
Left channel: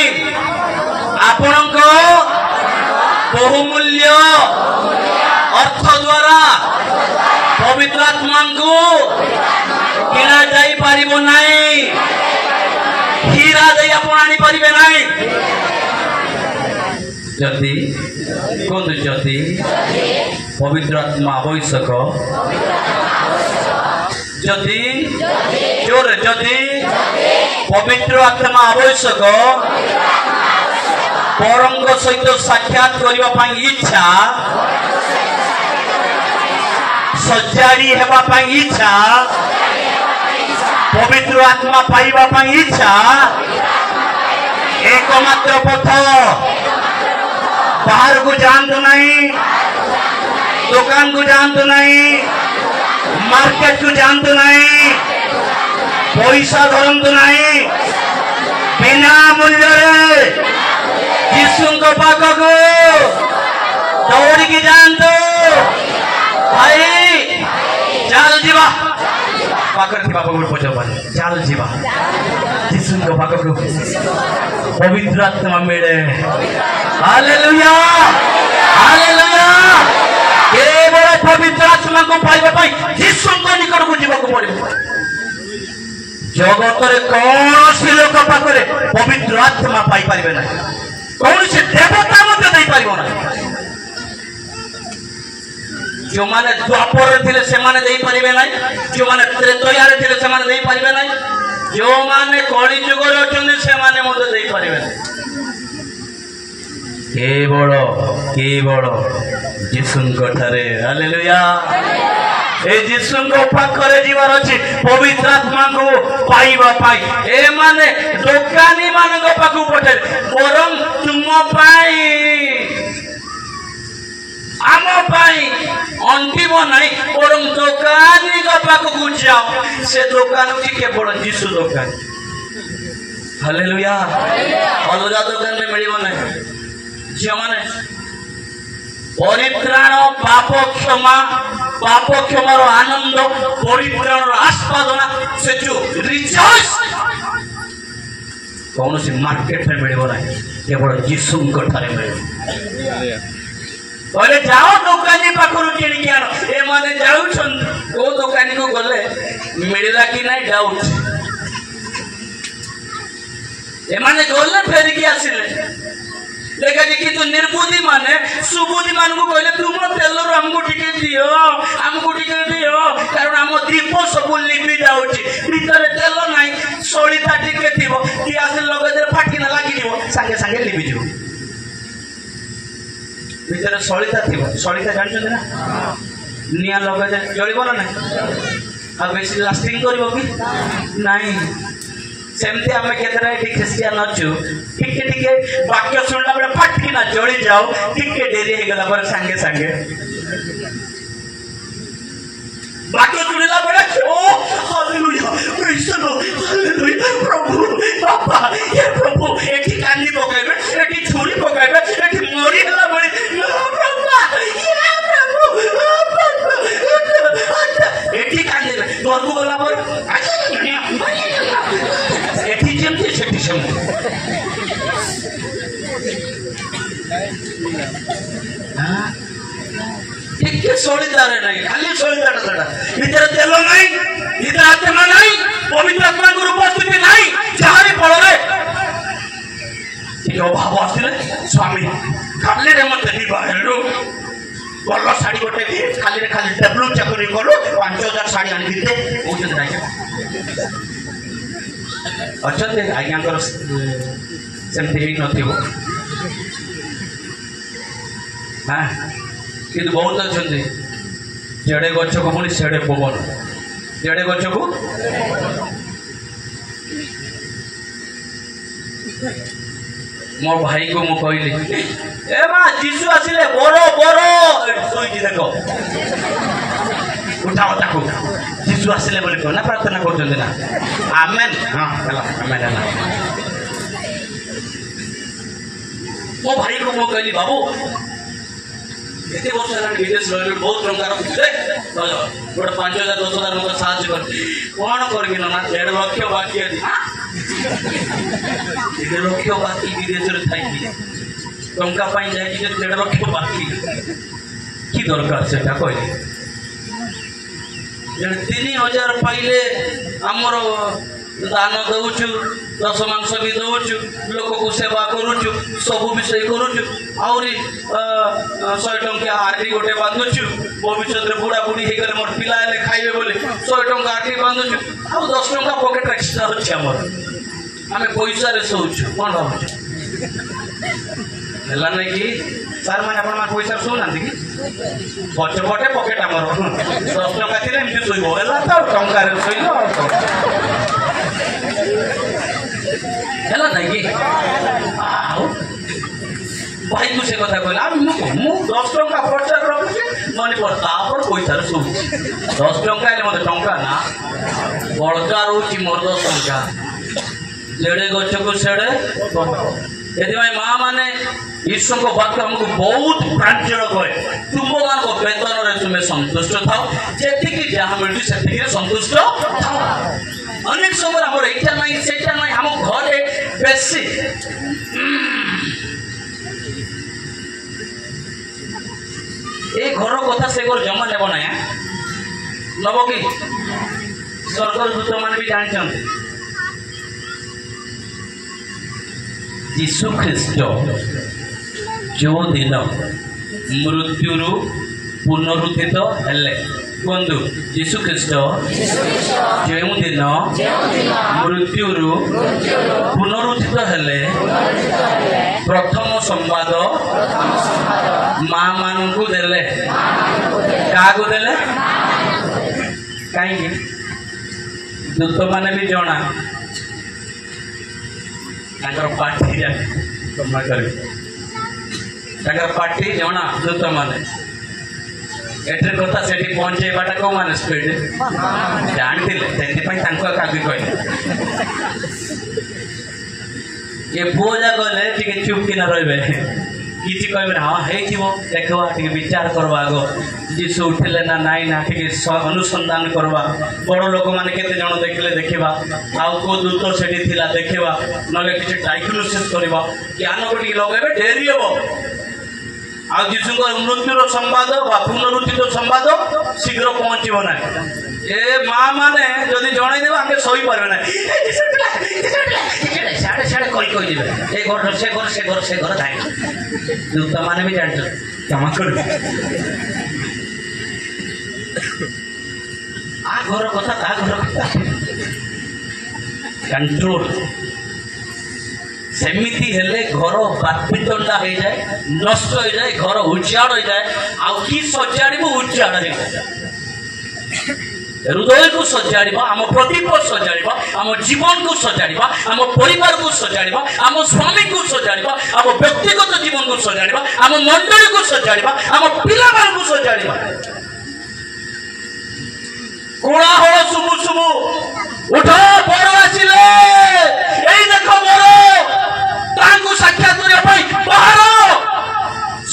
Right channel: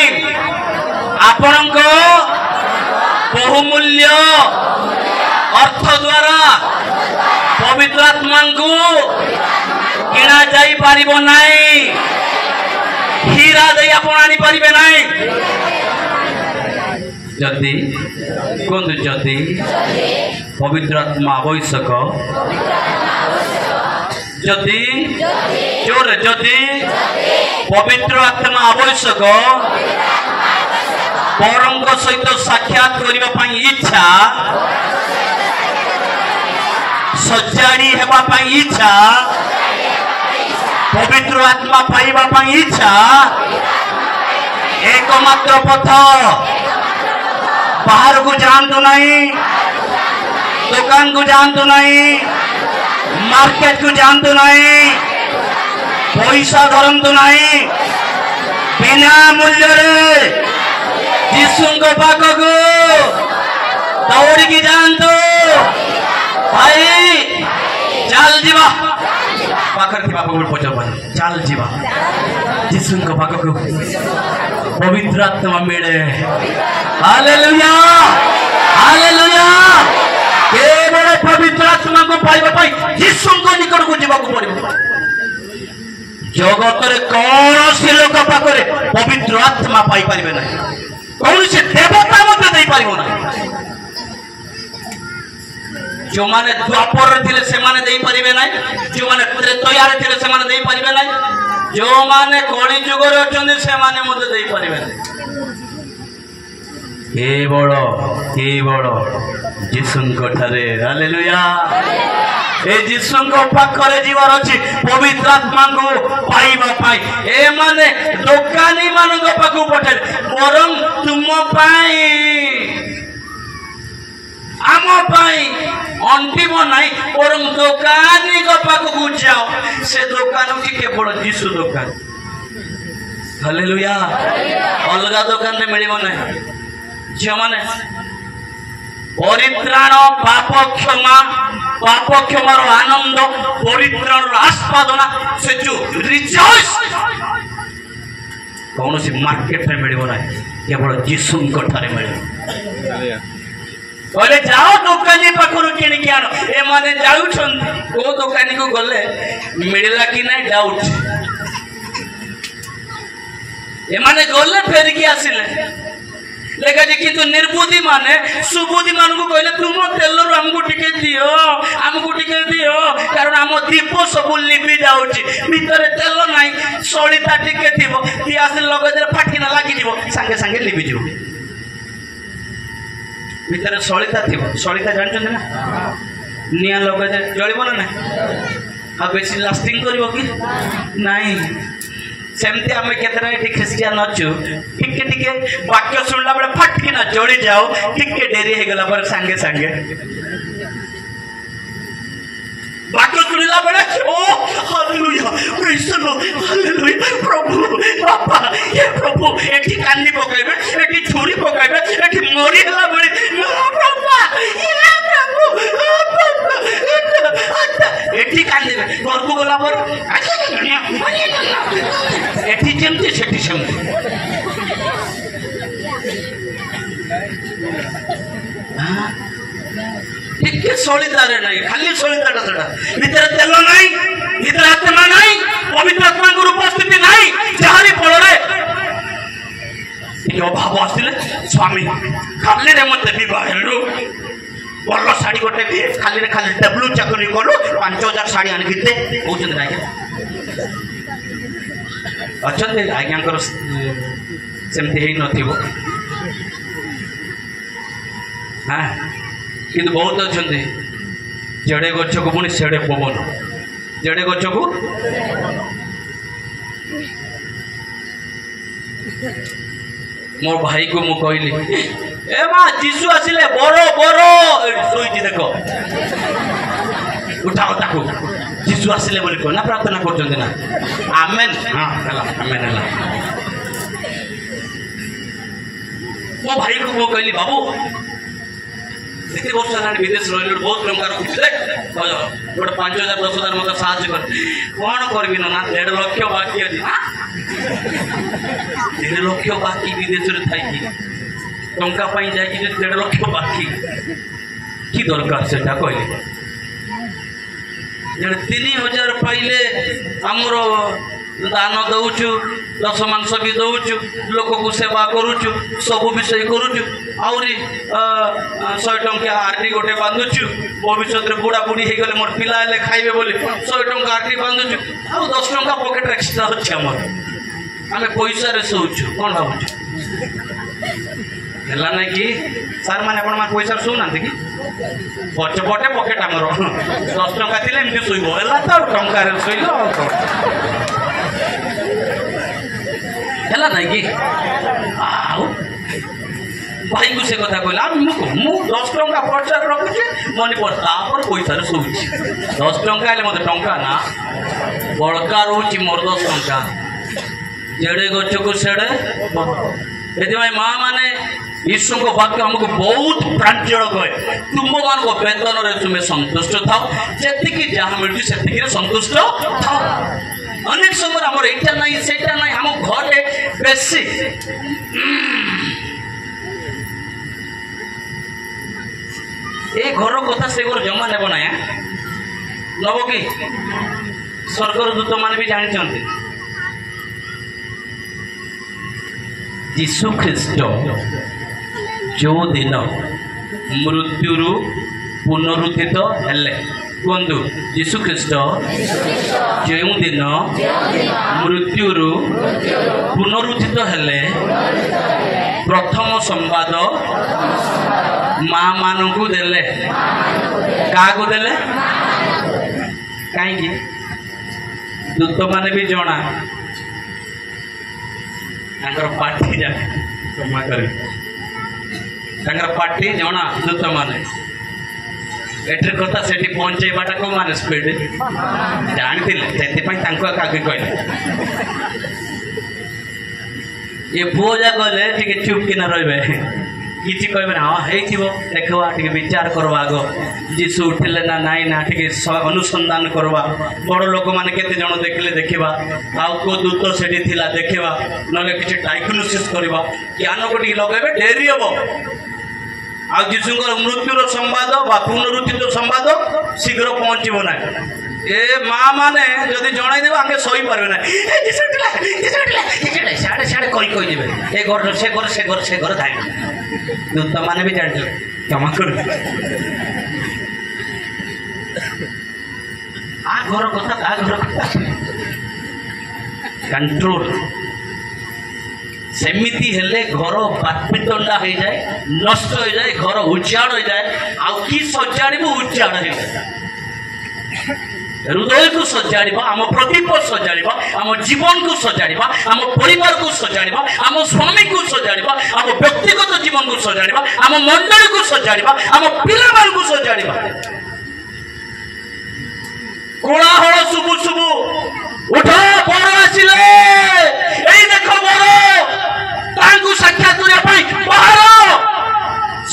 आपनको बहुमूल्य अर्थ द्वारा पवित्र आत्मा को किना जाई पारिबो नाही हीरा दे आपण आनी पारिबे नाही जति कोन जति पवित्र आत्मा आवश्यक जति जोर जति पवित्र आत्मा आवश्यक परंग सहित साक्षात करने इच्छा सजाड़ी हेबा इच्छा पवित्र आत्मा पाइबा इच्छा एकमात्र पथ बाहर को जानते नहीं दुकान को जानते नहीं मार्केट को जानते नहीं पैसा धरतु नहीं बिना मूल्य यीशु को पाखक दौड़ की जानतु भाई चल जीवा पाखर थी बापा पचार चल जीवा यीशु को पाखक पवित्र आत्मा मिले हालेलुया हालेलुया केवल पवित्र आत्मा को पाइबा यीशु को निकट को जीवा को पड़े जगत कौन सी लोक पाखे पवित्र आत्मा पाई पारे ना कौन सी देवता मत पार ना जो माने द्वापर थे से माने दे पारे ना जो माने त्रेतयार थे से माने दे पारे ना जो माने कली जुग से माने मत दे पारे केवल केवल यीशु ठारे हालेलुया ए यीशु को पाखरे जीवार अछि पवित्र आत्मा को पाइबा पाई ए माने दोकानी मानक पाखु पठे बरं तुम पाई आम पाई अंतिम नहीं बरं दोकानी को पाखु जाओ से दुकान की केवल यीशु दुकान हालेलुया अलग दुकान में मिलिबो नहीं जो माने परित्राण पाप क्षमार आनंद परित्राण आस्वादना से जो रिजॉइस कौन सी मार्केट में मिले ना केवल यीशु ठारे मिले बोले जाओ दुकानी पाखर किण के आन ए माने जाउछन को दुकानी को गले मिलला कि नहीं डाउट ए माने गले फेर के आसिले लेकिन किंतु निर्बुद्धि माने सुबुद्धि मान को कहले तुम तेल हमको टिके दियो कारण आम दीप सब लिपि जाउची भीतर तेल नाही सळिता टिके थिबो गैस लगे फाटिना लागी दिबो संगे संगे लिपि जिवो भीतर सळिता थिबो सळिता जानछन ना निया लगे जळिबो ना नाही आ बेसी लास्टिंग करिवो कि नाही सेमती आम के खिसिया नचु टिके टिके वाक्य शुणला बेले फटकिना जड़ी जाओ टिके डेरी हो गला पर संगे संगे वाक्य शुणला बेले ओ hallelujah praise the Lord hallelujah प्रभु बाबा ये प्रभु एठी कानी पकाइबे एठी छुरी पकाइबे एठी मरी गला बेले प्रभु ये प्रभु एठी कानी घर को गला पर एठी जेमती सेठी सेमती टिके सळिदारे नाही खाली सळिदाटा सडा भीतर तेल नाही भीतर आत्मा नाही पवित्र आत्मा को उपस्थिति नाही जाहारी फଳରେ टिके अभाव आसिले स्वामी खाली रे मते विवाहरु बल्लो साड़ी गोटे खाली रे खाली डब्लू चकरी करू 5000 साड़ी आनि बिते बुझन नाही अच्छे आज्ञा सेमती ही नथिबो हाँ कि बहुत अच्छा जेड़े गछ को पुणी सेड़े पवन जेड़े गछ को मो भाई को मु कहली ए माँ जीसु आसिले बरो बरो सोईची देख उठाओ ताकू जीसु आसिले बोली कोना प्रार्थना करछन ना आमेन हां हला आमेन हला मो भाई को मु कहली बाबू एते वर्ष हेलानी विदेश रहिलो बहुत टंकार गोटे 5000 10,000 मत साहाय्य कर कौन करबी ना 1.5 लाख बाकी अछि 1.5 लाख बाकी विदेश रे थाई कि टंका पाई जाय कि 1.5 लाख बाकी की दरकार सेटा कहले जने 3000 पाइले हमरो दान दउछु दस मांस भी दउछु लोक को सेवा करूछु सब विषय करूछु आउरी 100 टंका आरटी गोटे बांधुछु भविष्य रे बुढ़ा बुढ़ी हे गले मोर पिला ले खाइबे बोली 100 टंका आरटी बांधुछु आ 10 टंका पॉकेट एक्स्ट्रा होछ हमर आम पैसा शोचु कौन भावुच है ना कि सार मैंने पैसा शोना कि पछपटे पकेट आमर 10 टंका थी एमती शोब है तो टंकार शोल है ना कि भाई को से कथा कहला मु 10 टंका खर्च रखुची मन पैसा शोची 10 टंका मत टंका ना बड़का रोच मोर 10 टंका जेड़े गच को सेड़े ये माँ मैंने ईश्वर को वाक्य हमको बहुत प्रांजल कहे तुम मान वेतन तुम्हें संतुष्ट था जी जहाँ मिलती से संतुष्ट था अनेक समय आम यहाँ ना सेटा ना आम घरे बेसी ये घर कथा से घर जमा नेब ना नब कि स्वर्गर दूत मैंने भी जानते यीशु ख्रीस्ट जो दिन मृत्यु पुनरुत्थित हेले कहतु यीशु ख्रीस्ट जो दिन मृत्यु पुनरुत्थित हेले प्रथम संवाद माँ मानू देले क्या देले कहीं दूत माने भी जना पार्टी क्षमा कर पार्टी जना दूत माने एटे कथा से पहुंचेबाटा कौ माने स्पीड जानते कहले ये पुओ जा गले चुप किना रे किसी कहे ना हाँ देखा टे विचार करवा आग जीशु उठिले ना नाई ना टे अनुसंधान करवा बड़ लोक मैंने केते जन देखले देखा आउ को दूत से देखा ना कि डायग्नोसिस करवा ज्ञान को लगे डेरी हम आ जीशु मृत्युर संवाद पुनरुत्थित संवाद शीघ्र पहुँचब ना ए माँ मैंने जदि जनईदे आगे सही पारे ना कही ए घर से घर से घर से घर जाए दूत माने भी जान क्षमा कर आ घर कथा ता घर कथा कंट्रोल सेमिति हेले घर बातपितंडा हो जाए नष्ट हो जाए घर उजाड़ हो जाए आउ की सजाड़ब उजाड़ हो जाए हृदय को सजाड़वा आम प्रदीप सजाड़वा आम जीवन को सजाड़वा आम परिवार को सजाड़वा आम स्वामी को सजाड़वा आम व्यक्तिगत जीवन को सजाड़वा आम मंडली को सजाड़वा आम पिला को सजाड़वा कोलाहल शुभु शुभु उठ बर आसिले एई देखो बर तांकु साक्षात करबा बाहर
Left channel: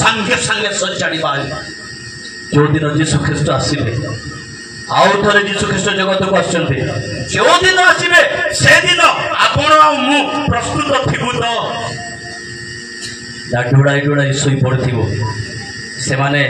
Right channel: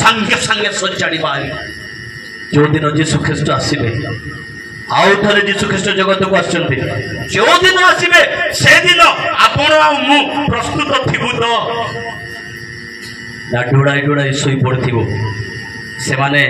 संगे संगे सजाड़वा जो दिन यीशु ख्रीस्ट आसीबे आउ थे जीशु ख्रीस्ट जगत को आसुच्च जो दिन आसवे से दिन आपण मु प्रस्तुत थी तो डुड़ाई डुड़ाई शोई पड़े से माने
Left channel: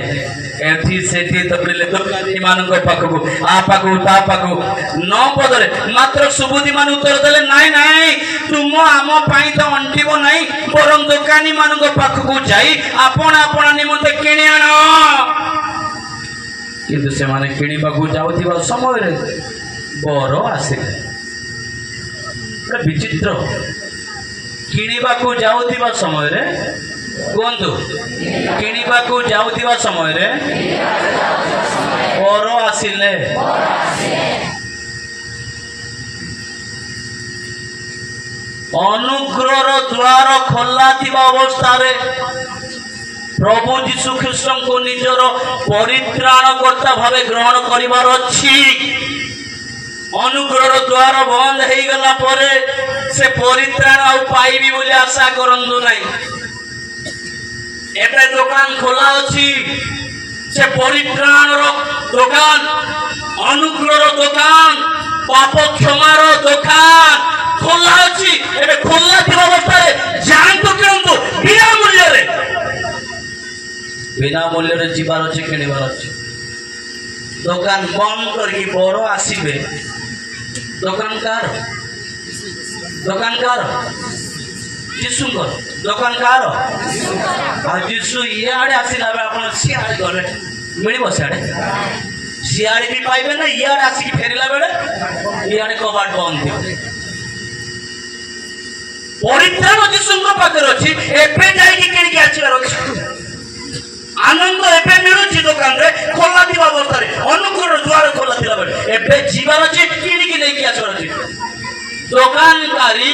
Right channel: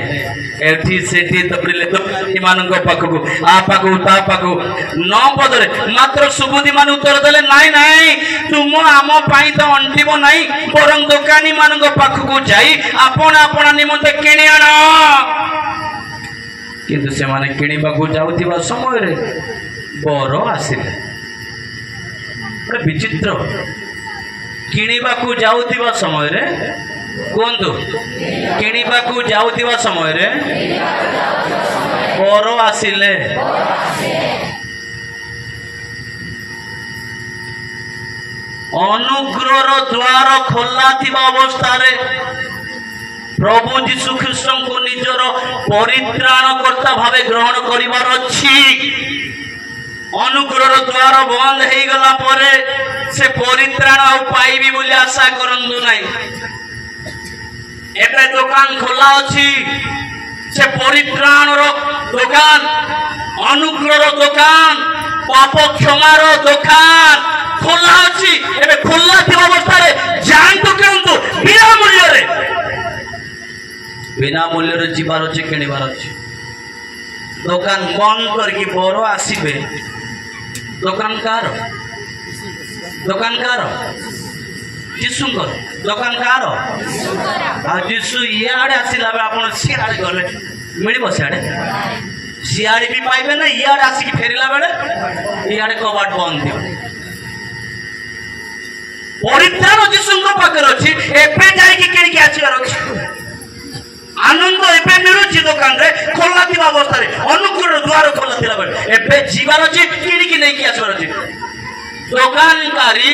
एठी सेठी तबले दुकानी मानक पाखक आ पाखक ता पाखक न बदले मात्र सुबुद्धि मान उत्तर देले नाई नाई तुम आम पाई तो अंटिब नाई बरं दुकानी मानक पाखक जाई आपण आपण निमंते किणी आण किंतु से माने किणवा जाऊथिबा समय रे बर आसिले विचित्र किणवा जाऊथिबा समय रे कहतु किणवा जाऊथिबा समय रे बर आसिले अनुग्रह द्वार खोला थिबा अवस्था रे प्रभु जीशु ख्रीस्ट को निजर परित्राणकर्ता भावे ग्रहण करिवार अछि अनुग्रह द्वार बंद हो गला परे से परित्राण आ पाइबी बोली आशा करंदु नाही एबे दुकान खोला अछि से परित्राण रो दुकान अनुग्रह दुकान पाप क्षमार दुकान खोला अछि एबे खोला थिबा अवस्था रे जानतो केंतु बिना मूल्य रे बिना मूल्य जीवार अच्छे किणवार अच्छे दुकान बंद करके बर आसबे दुकान कार जीशुकर दुकान कार जीशु इे आसला आप सियाड़े गले मिल सियाड़े सियाड़े भी पाइबे ना इे आसिक फेरला बेले इे कबाट बंद थी परित्राण जीशुଙ୍କ ପାଖରେ ଅଛି ଏବେ ଯାଇକି କିଣିକି ଆସିବାର ଅଛି आनंद एवं मिलुची दुकान रे खोला थिबा अवस्था रे अनुकूल द्वार खोला थिला बेले एबे जीवार अछि किनिकी लेके आछर अछि दुकानकारी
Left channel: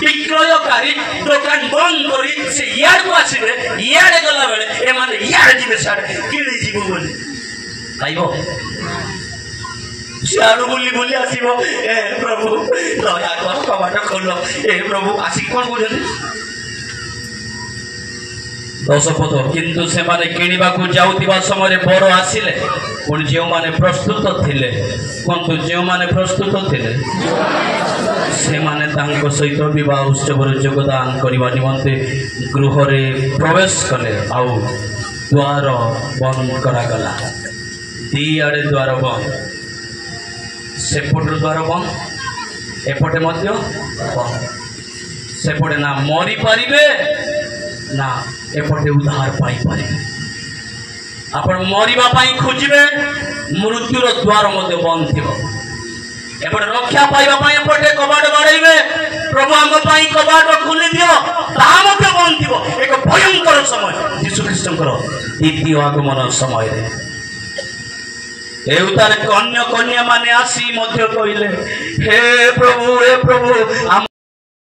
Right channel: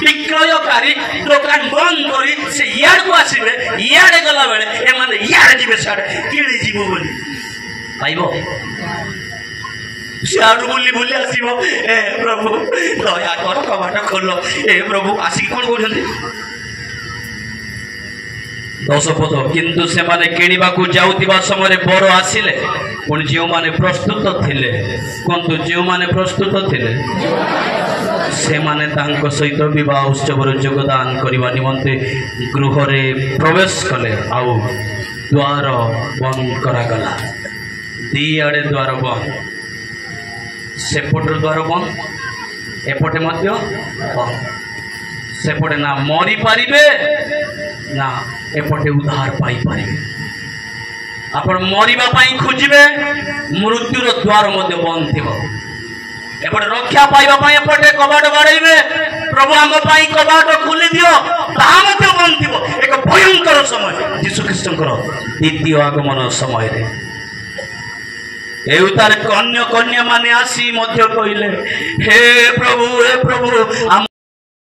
विक्रयकारी दुकान बंद करी से यार को आसीबे यार गला बेले ए माने यार जिबे साडे किनि जीवो बोली आइबो सियाडू बोली बोली आसीबो ए प्रभु दया कर कबाट खोलो ए प्रभु आसी कोन कहउछन्ती दशपथ किंतु से माने किनिबा को जाउतिबा समय बर आसिले पुणी जो माने प्रस्तुत थिले किंतु जो माने प्रस्तुत थिले से माने तांको सहित विवाह उत्सव योगदान करबा निमंते गृह रे प्रवेश कले आउ द्वार बंद करा गला दी आड़े द्वार बंद सेपट द्वार बंद एपटे मध्य बंद सेपटे ना मरी पारिबे ना एपटे उद्धार पाई पारे आपण मरिबा पाई खोजिबे मृत्युर द्वार मध्य बंद थिबो एपटे रक्षा पाइबा पाई एपटे कबाट बाड़ैबे प्रभु हम पाई कबाट खोली दियो ता मध्य बंद थिबो एक भयंकर समय यीशु ख्रीष्टकर द्वितीय आगमन समय रे एउतार कन्या कन्या माने आसी मध्य कहिले हे प्रभु